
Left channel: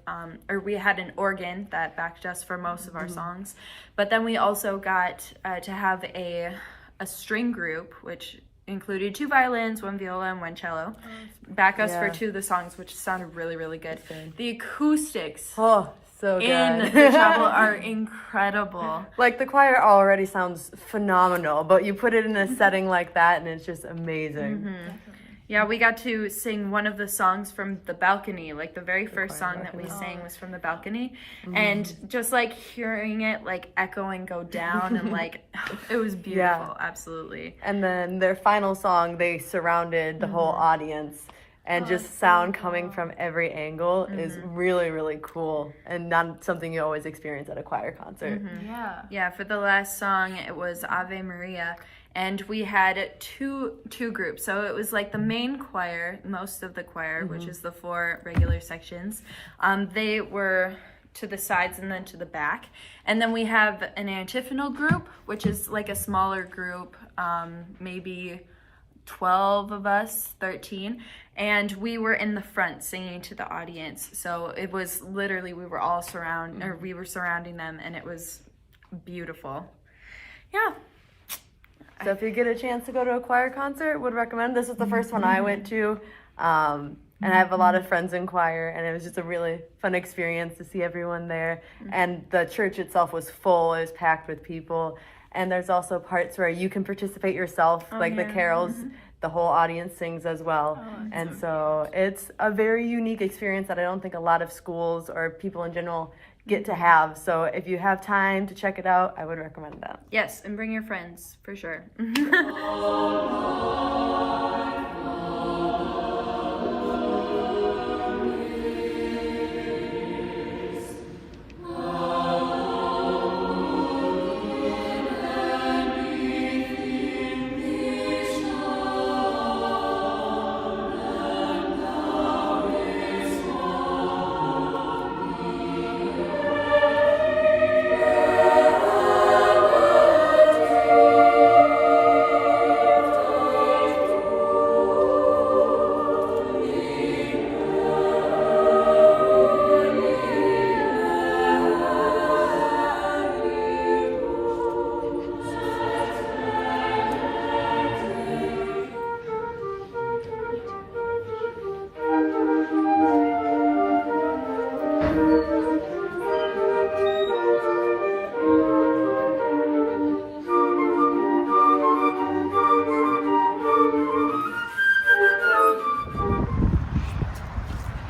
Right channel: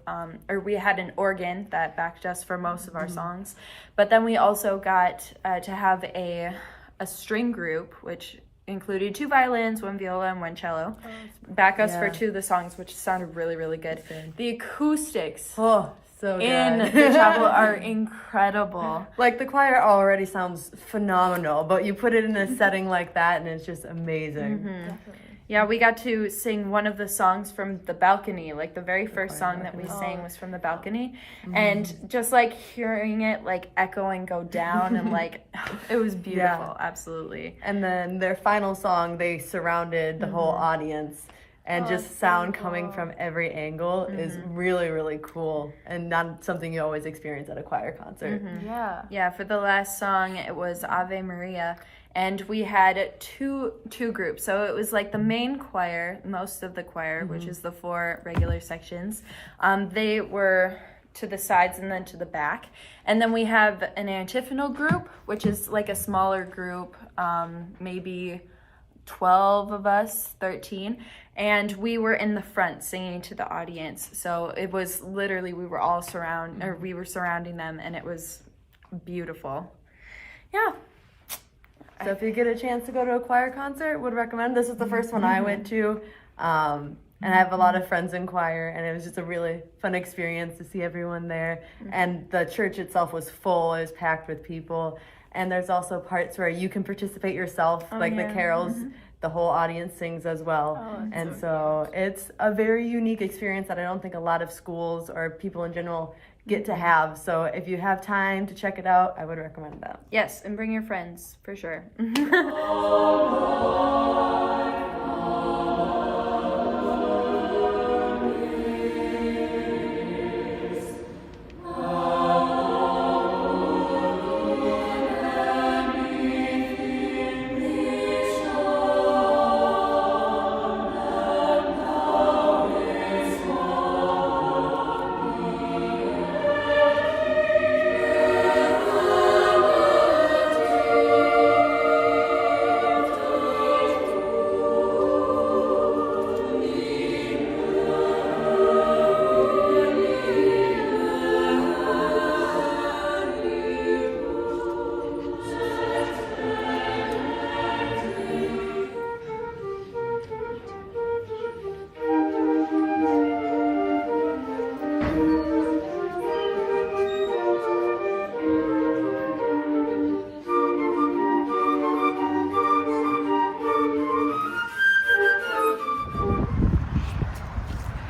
or we had an organ that backed us for most of our songs, but then we also got to have a string group, which included 2 violins, 1 viola, and 1 cello. Back us for 2 of the songs, which sounded really, really good. The acoustics so good. in the chapel are incredible. Like, the choir already sounds phenomenal, but you put it in a setting like that, and it's just amazing. Yeah, we got to sing one of the songs from the balcony. Like, the very first song that we sang was from the balcony. And just, like, hearing it, like, echo and go down, and, like, it was beautiful. Absolutely. And then their final song, they surrounded the whole audience, and just sound coming from every angle is really, really cool, and not something you always experience at a choir concert. Yeah, for the last song, it was Ave Maria. And we had two groups. So it was like the main choir, most of the choir, which is the 4 regular sections. They were to the sides and then to the back. And then we have an antiphonal group, which is like a smaller group, maybe 12 of us, 13. And we were in the front singing to the audience. So it was literally, we were surrounding them, and it was beautiful. Yeah. So if you get a chance to go to a choir concert, would recommend. This was the first one I went to, and I have a lot of friends in choir, and it was just a really fun experience to see everyone there. And the church itself was full; it was packed with people. And there's also parts where you can participate yourself, like the carols. The whole audience sings as well, and so it's a very unique experience that I don't think a lot of schools or people in general get to have. So if you have time to check it out, I would recommend that. Yes, and bring your friends, for sure.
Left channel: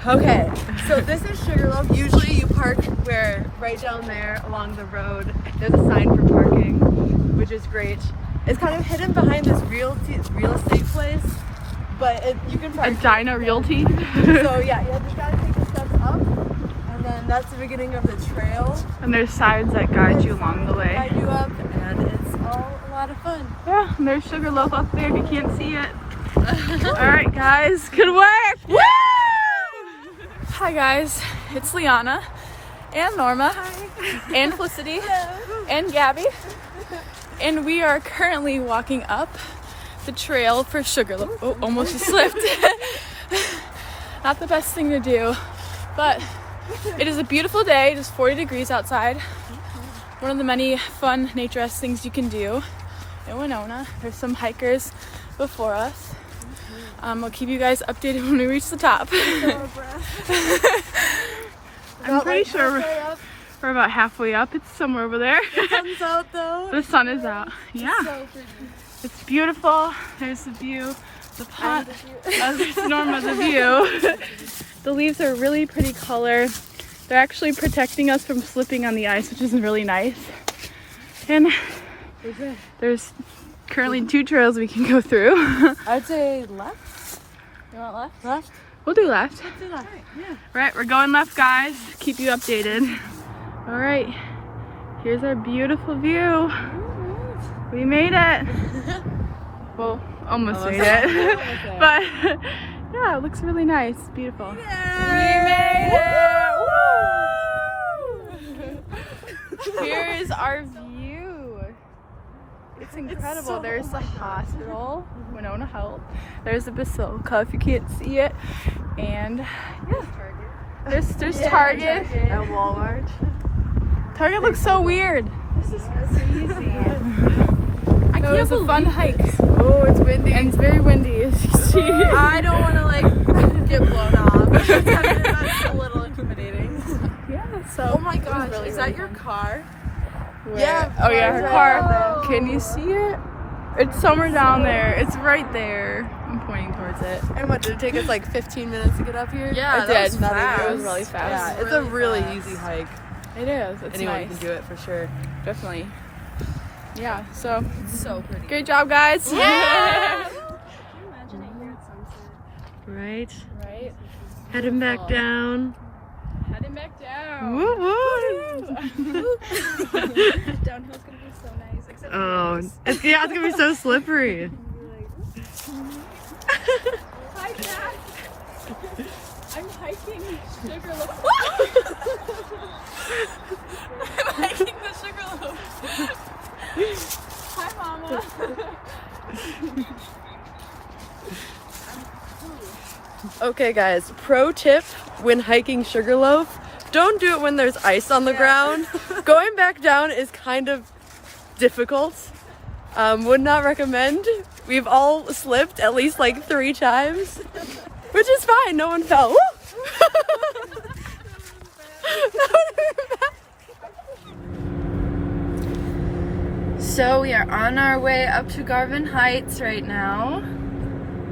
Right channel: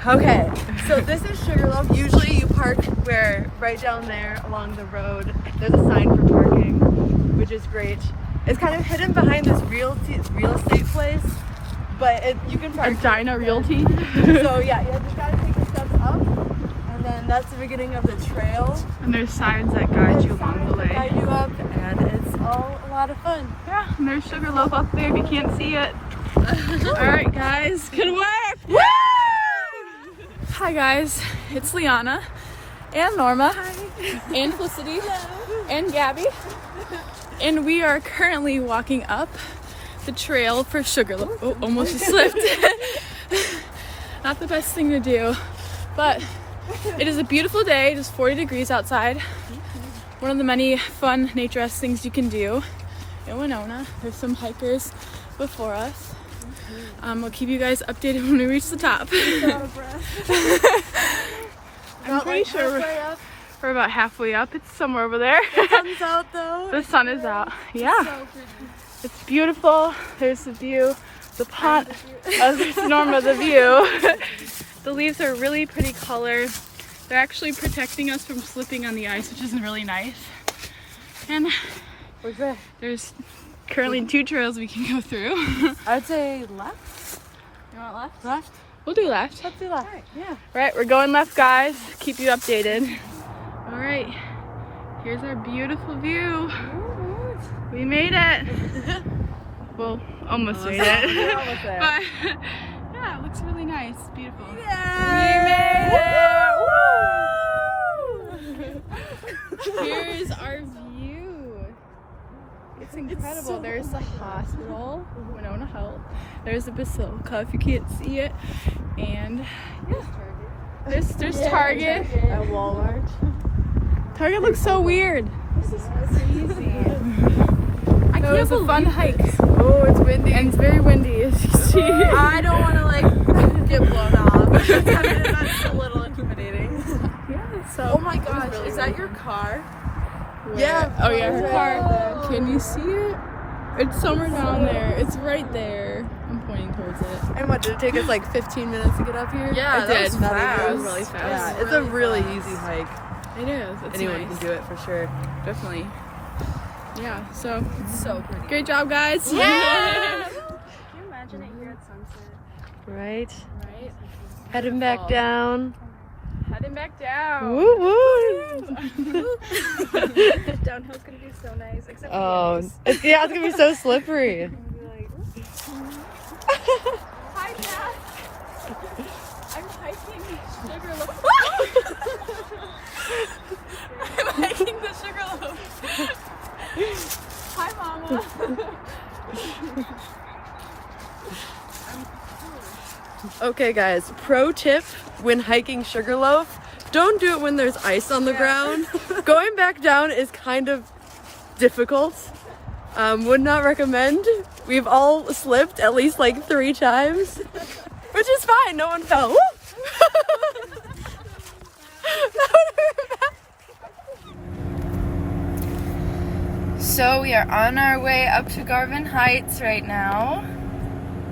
Okay, so this is Sugarloaf. Usually you park right down there along the road. There's a sign for parking, which is great. It's kind of hidden behind this real estate place, but you can park. Edina Realty. So yeah, you just gotta take the steps up, and then that's the beginning of the trail. And there's signs that guide you along the way. Guide you up, and it's all a lot of fun. Yeah, and there's Sugarloaf up there if you can't see it. All right, guys, good work. Woo! Hi guys, it's Liana and Norma and Felicity and Gabby, and we are currently walking up the trail for Sugarloaf. Oh, almost slipped. Not the best thing to do, but it is a beautiful day. It is 40 degrees outside. One of the many fun nature-esque things you can do in Winona. There's some hikers before us. I'll keep you guys updated when we reach the top. I'm pretty sure We're about halfway up. It's somewhere over there. The sun's out though. The sun is out. Yeah. So pretty. It's beautiful. There's the view. The pond. There's Norma, the view. The leaves are really pretty color. They're actually protecting us from slipping on the ice, which is really nice. And Where's that? there's currently 2 trails we can go through. I'd say left. You want left? Left? We'll do left. Let's do left. Yeah. Right, we're going left, guys. Keep you updated. All right, here's our beautiful view. We made it. Well, almost made it. But yeah, it looks really nice. Beautiful. We made it. Here's our view. It's incredible. There's the hospital, Winona Health. There's the basilica if you can't see it, and yeah, there's Target. And Walmart. Target looks so weird. This is crazy. That was a fun hike. Oh, it's windy. And it's very windy, as you see. I don't want to like get blown off. That's a little intimidating. Yeah, so. Oh my gosh, really, is that really your fun. car? Where? Yeah. Oh yeah, her car. Can you see it? It's somewhere down there. It's right there. I'm pointing towards it. And what, did it take us like 15 minutes to get up here? Yeah, it that did. was fast. It was really fast. Yeah, it's a really easy hike. It is. It's Anyone nice. can do it for sure. Definitely. Yeah. So. It's so pretty. Great job, guys. Yeah. Can you imagine it here at sunset? Right. Right. Heading back down. Heading back down. Woo woo. Downhill's gonna be so nice. Except Oh, it's gonna be so slippery. Hi, Dad. I'm hiking Sugarloaf. I'm hiking the Sugarloaf. Okay, guys. Pro tip when hiking Sugarloaf: don't do it when there's ice on the ground. Going back down is kind of difficult. Would not recommend. We've all slipped at least like 3 times, which is fine. No one fell. So we are on our way up to Garvin Heights right now.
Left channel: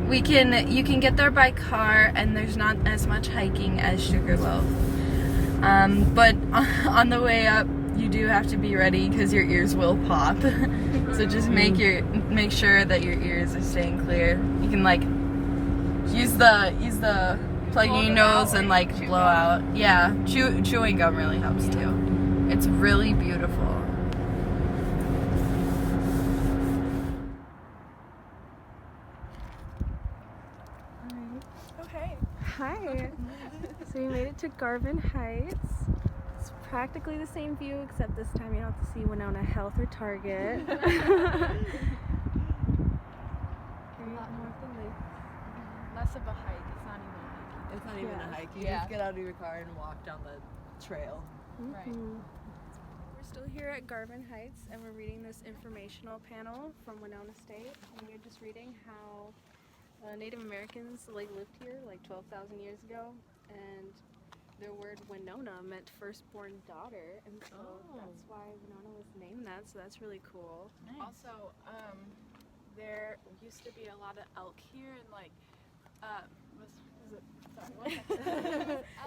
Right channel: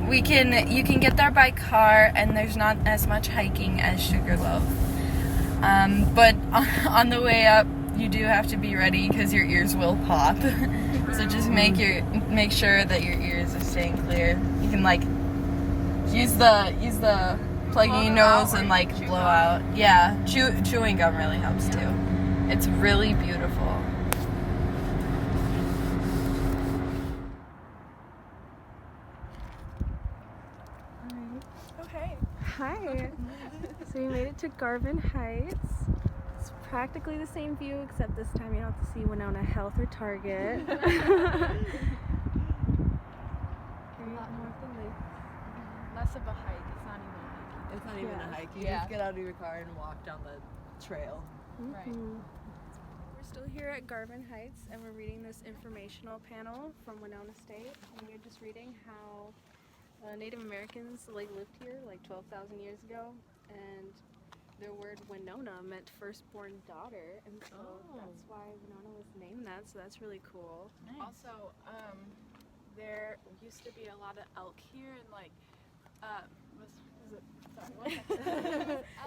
You can get there by car, and there's not as much hiking as Sugarloaf. But on the way up, you do have to be ready because your ears will pop. So just make sure that your ears are staying clear. You can like use the plug in your nose and like blow out. Yeah, chewing gum really helps too. It's really beautiful. Okay. Hi. So we made it to Garvin Heights. It's practically the same view, except this time you don't have to see Winona Health or Target. A lot more friendly. Less of a hike. It's not even a hike. It's not even a hike. You just get out of your car and walk down the trail. Right. We're still here at Garvin Heights, and we're reading this informational panel from Winona State. And we're just reading how Native Americans lived here 12,000 years ago, and their word Winona meant firstborn daughter, and so that's why Winona was named that. So that's really cool. Nice. Also, there used to be a lot of elk here, and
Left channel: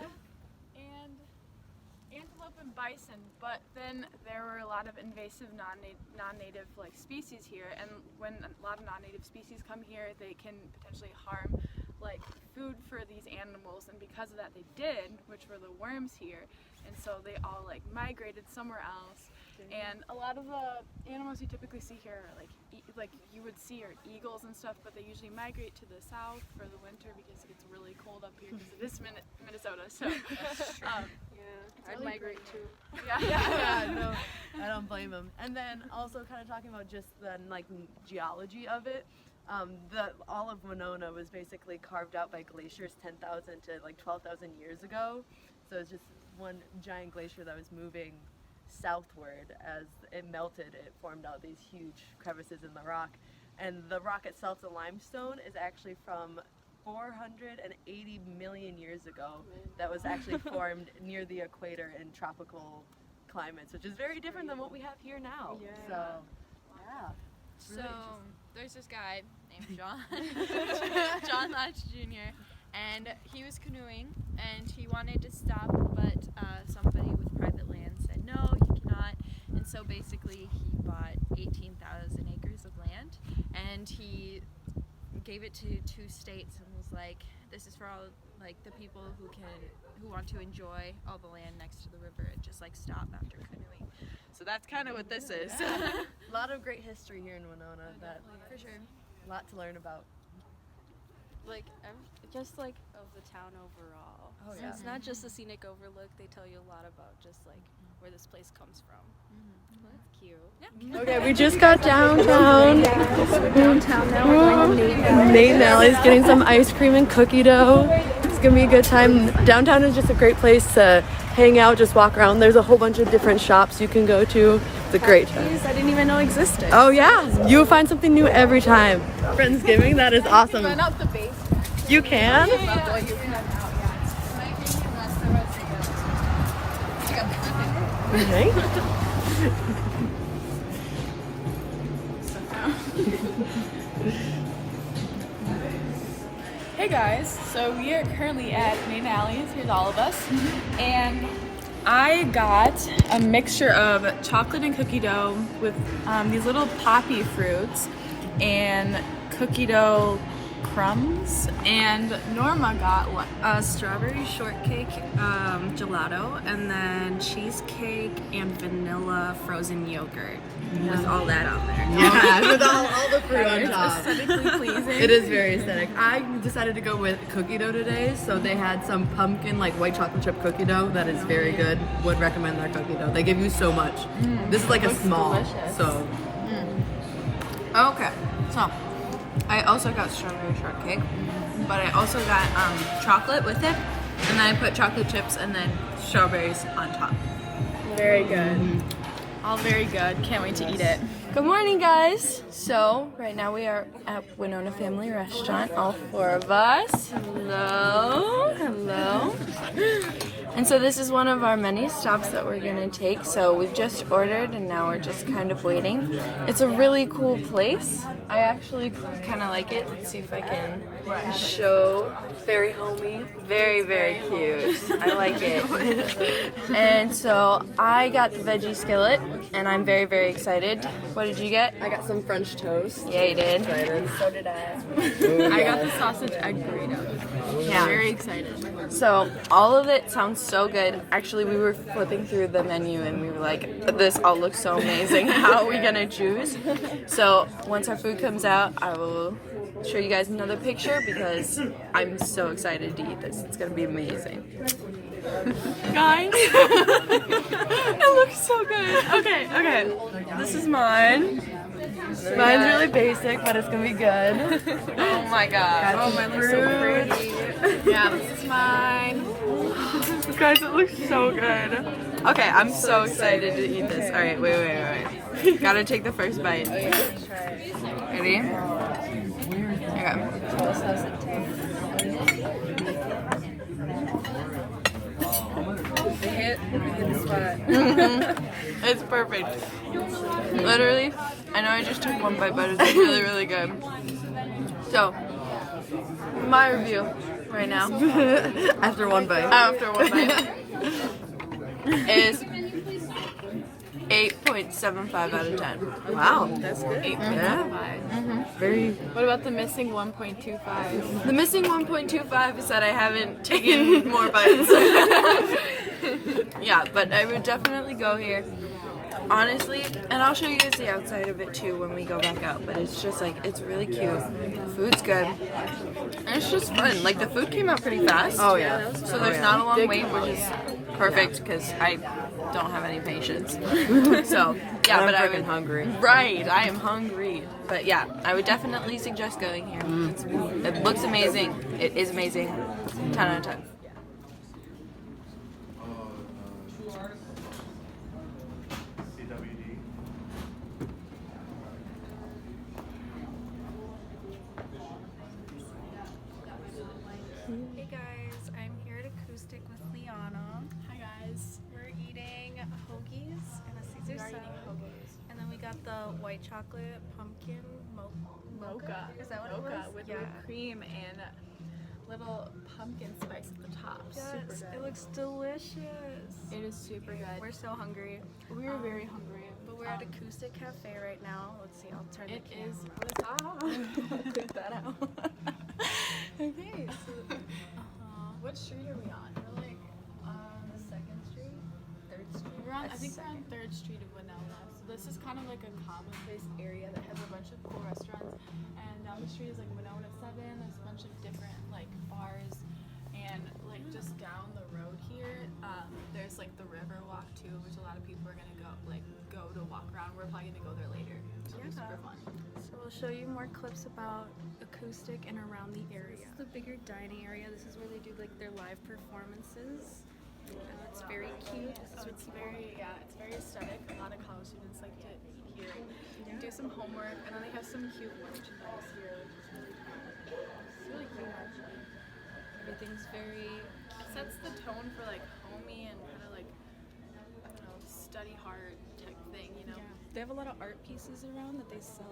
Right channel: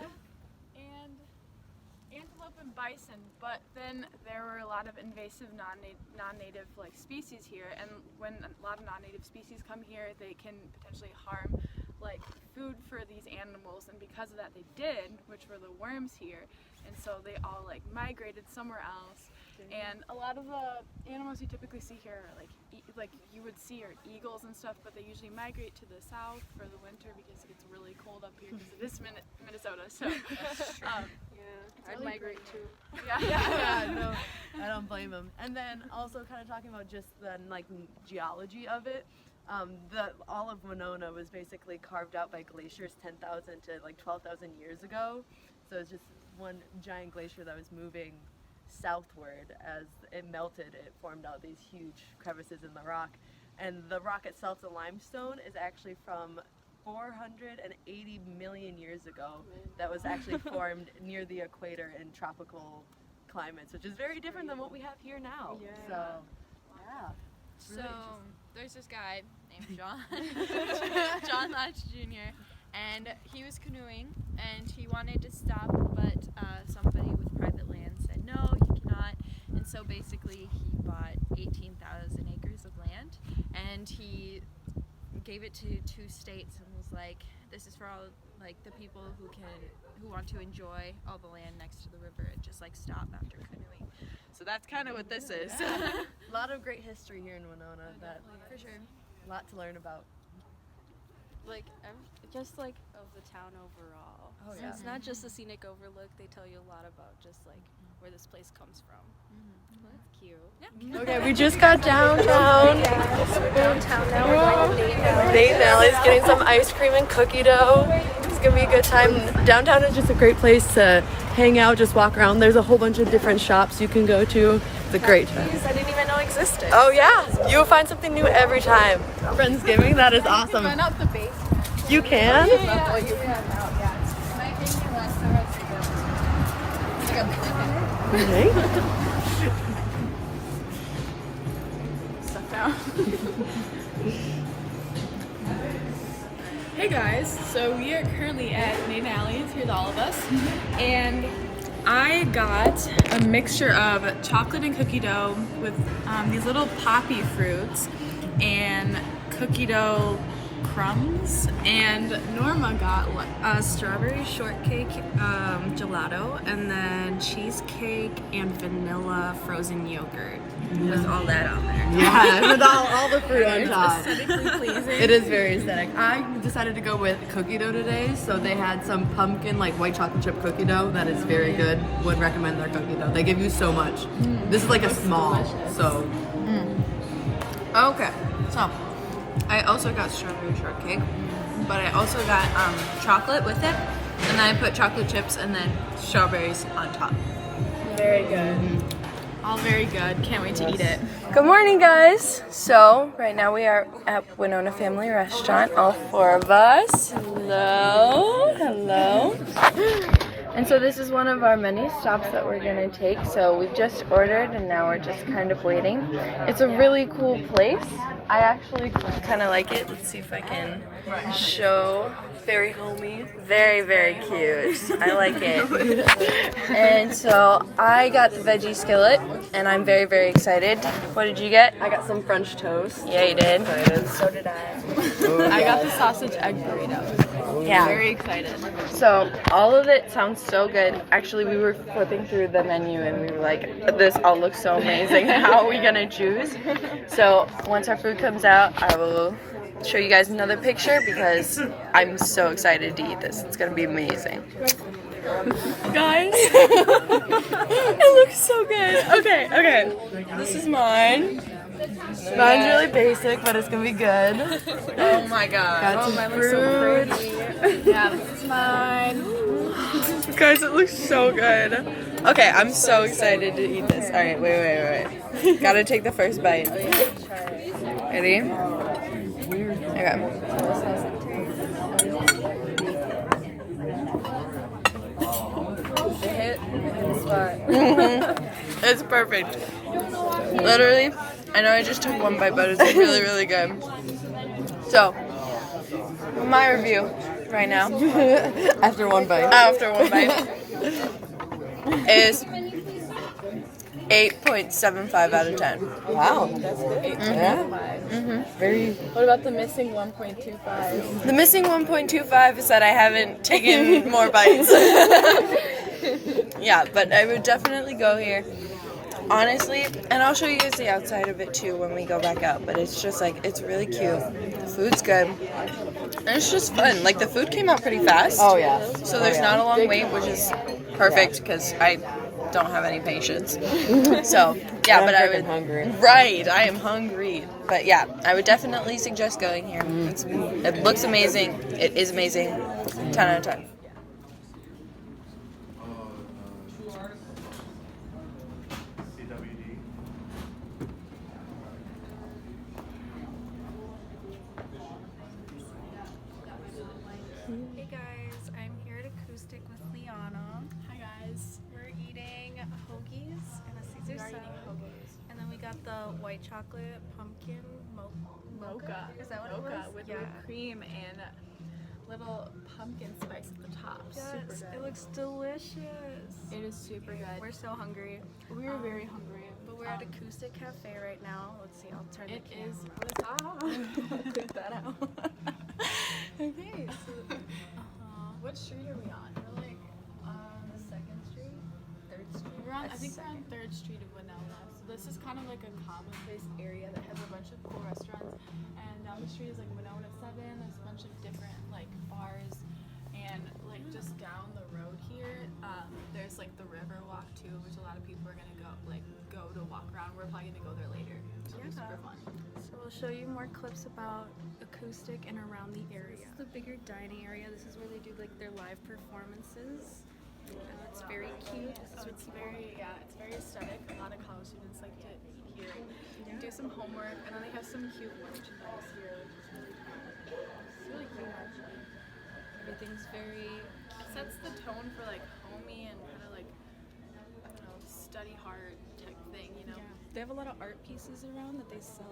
elk and antelope and bison, but then there were a lot of invasive non-native species here, and when a lot of non-native species come here, they can potentially harm food for these animals, and because of that they did, which were the worms here, and so they all migrated somewhere else. And a lot of the animals you typically see here are you would see are eagles and stuff, but they usually migrate to the south for the winter because it gets really cold up here because it is Minnesota. So I'd really migrate pretty. too. Yeah, no, I don't blame them. And then also kind of talking about just the geology of it. All of Winona was basically carved out by glaciers 10,000 to 12,000 years ago. So it's just one giant glacier that was moving southward. As it melted, it formed out these huge crevices in the rock. And the rock itself, the limestone, is actually from 480 million years ago. That was actually formed near the equator in tropical climates, which is very different than what we have here now. Yeah. So, yeah. So there's this guy named John, John Latch Jr., and he was canoeing, and he wanted to stop, but somebody with private land said, no, you cannot. And so basically he bought 18,000 acres of land, and he gave it to 2 states and was like, this is for all like the people who want to enjoy all the land next to the river and just like stop after canoeing. So that's kind of what this is. A lot of great history here in Winona. That For sure. a lot to learn about. Like, just like of the town overall. Oh, So yeah. it's not just a scenic overlook. They tell you a lot about just like where this place comes from. Well, that's cute. Yeah. Okay, we just got downtown. Nate and Allie's getting some ice cream and cookie dough. It's gonna be a good time. Downtown is just a great place to hang out, just walk around. There's a whole bunch of different shops you can go to. It's a great place. I didn't even know existed. Oh yeah, you'll find something new every time. Friendsgiving, that is awesome. Find out the base. You can? Hey guys, so we are currently at Nate and Allie's. Here's all of us, and I got a mixture of chocolate and cookie dough with these little poppy fruits and cookie dough crumbs, and Norma got A strawberry shortcake gelato, and then cheesecake and vanilla frozen yogurt with all that on there. Yeah, with all the fruit on top. It is very aesthetic. I decided to go with cookie dough today, so they had some pumpkin, like white chocolate chip cookie dough that is very good. Would recommend their cookie dough. They give you so much. This is like a small, so. Okay, so I also got strawberry shortcake, but I also got chocolate with it, and then I put chocolate chips and then strawberries on top. very good. All very good. Can't wait to eat it. Good morning, guys. So right now we are at Winona Family Restaurant, all 4 of us. Hello, hello. And so this is one of our many stops that we're gonna take. So we've just ordered and now we're just kind of waiting. It's a really cool place. I actually kind of like it. Let's see if I can show. Very homey. Very, very cute. I like it. And so I got the veggie skillet and I'm very, very excited. What did you get? I got some French toast. Yeah, you did. So did I. I got the sausage egg burrito. Yeah. Very excited. So all of it sounds so good. Actually, we were flipping through the menu and we were like, this all looks so amazing. How are we gonna choose? So once our food comes out, I will show you guys another picture because I'm so excited to eat this. It's gonna be amazing. Guys, it looks so good. Okay. This is mine. Mine's really basic, but it's gonna be good. Oh my god. Oh, mine looks so pretty. Yeah, this is mine. Guys, it looks so good. Okay, I'm so excited to eat this. Alright, wait. Gotta take the first bite. Ready? Okay. It's perfect. Literally, I know I just took one bite, but it's really, really good. So, my review right now, After one bite. is 8.75 out of 10. Wow, that's good. Yeah. Very. What about the missing 1.25? The missing 1.25 is that I haven't taken more bites. Yeah, but I would definitely go here. Honestly, and I'll show you guys the outside of it too when we go back out, but it's just like, it's really cute. The food's good. And it's just fun. Like, the food came out pretty fast. Oh yeah. So there's not a long wait, which is perfect because I don't have any patience. So, yeah, I'm but I freaking would. hungry. Right, I am hungry. But yeah, I would definitely suggest going here. It looks amazing. It is amazing. 10 out of 10. Hey guys, I'm here at Acoustic with Liana. Hi guys. We're eating hoagie the white chocolate pumpkin Mocha. Is that what Mocha it was? with Yeah. whipped cream and little pumpkin spice at the top. Super Yes, good. it looks delicious. It is super good. We're so hungry. We were very hungry. But we're at Acoustic Cafe right now. Let's see, I'll turn It the is. camera. Clip that out. Okay, so What street are we on? We're like on the 2nd Street, 3rd Street. we're on. I think we're on 3rd Street of Winona. So this is kind of like a commonplace area that has a bunch of cool restaurants. And down the street is like Winona 7. There's a bunch of different like bars, and like just down the road here, there's like the river walk too, which a lot of people are gonna go to walk around. We're probably gonna go there later. So it'll be super fun. So we'll show you more clips about Acoustic and around the area. This is the bigger dining area. This is where they do like their live performances. It's very cute. So it's very aesthetic. A lot of college students like to eat here, do some homework, and then they have some cute merchandise here, which is really cool. Actually, Everything's very it sets the tone for like homey and kind of like study hard type thing, you know. They have a lot of art pieces around that they sell.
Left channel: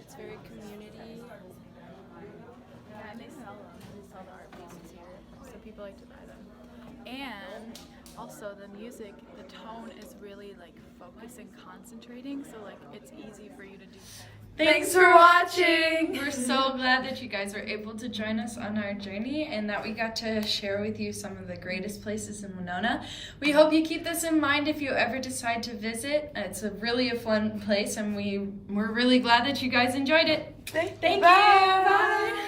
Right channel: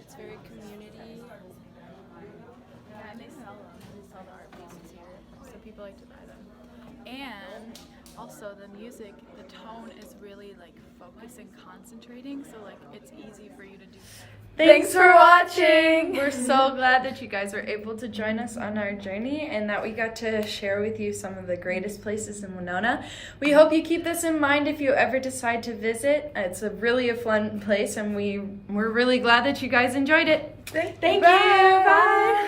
It's very community. Yeah, and they sell them. They sell the art pieces here, so people like to buy them. And also the music, the tone is really like focused and concentrating, so like it's easy for you to do. Thanks for watching! We're so glad that you guys were able to join us on our journey and that we got to share with you some of the greatest places in Winona. We hope you keep this in mind if you ever decide to visit. It's really a fun place and we're really glad that you guys enjoyed it. Thank you! Bye!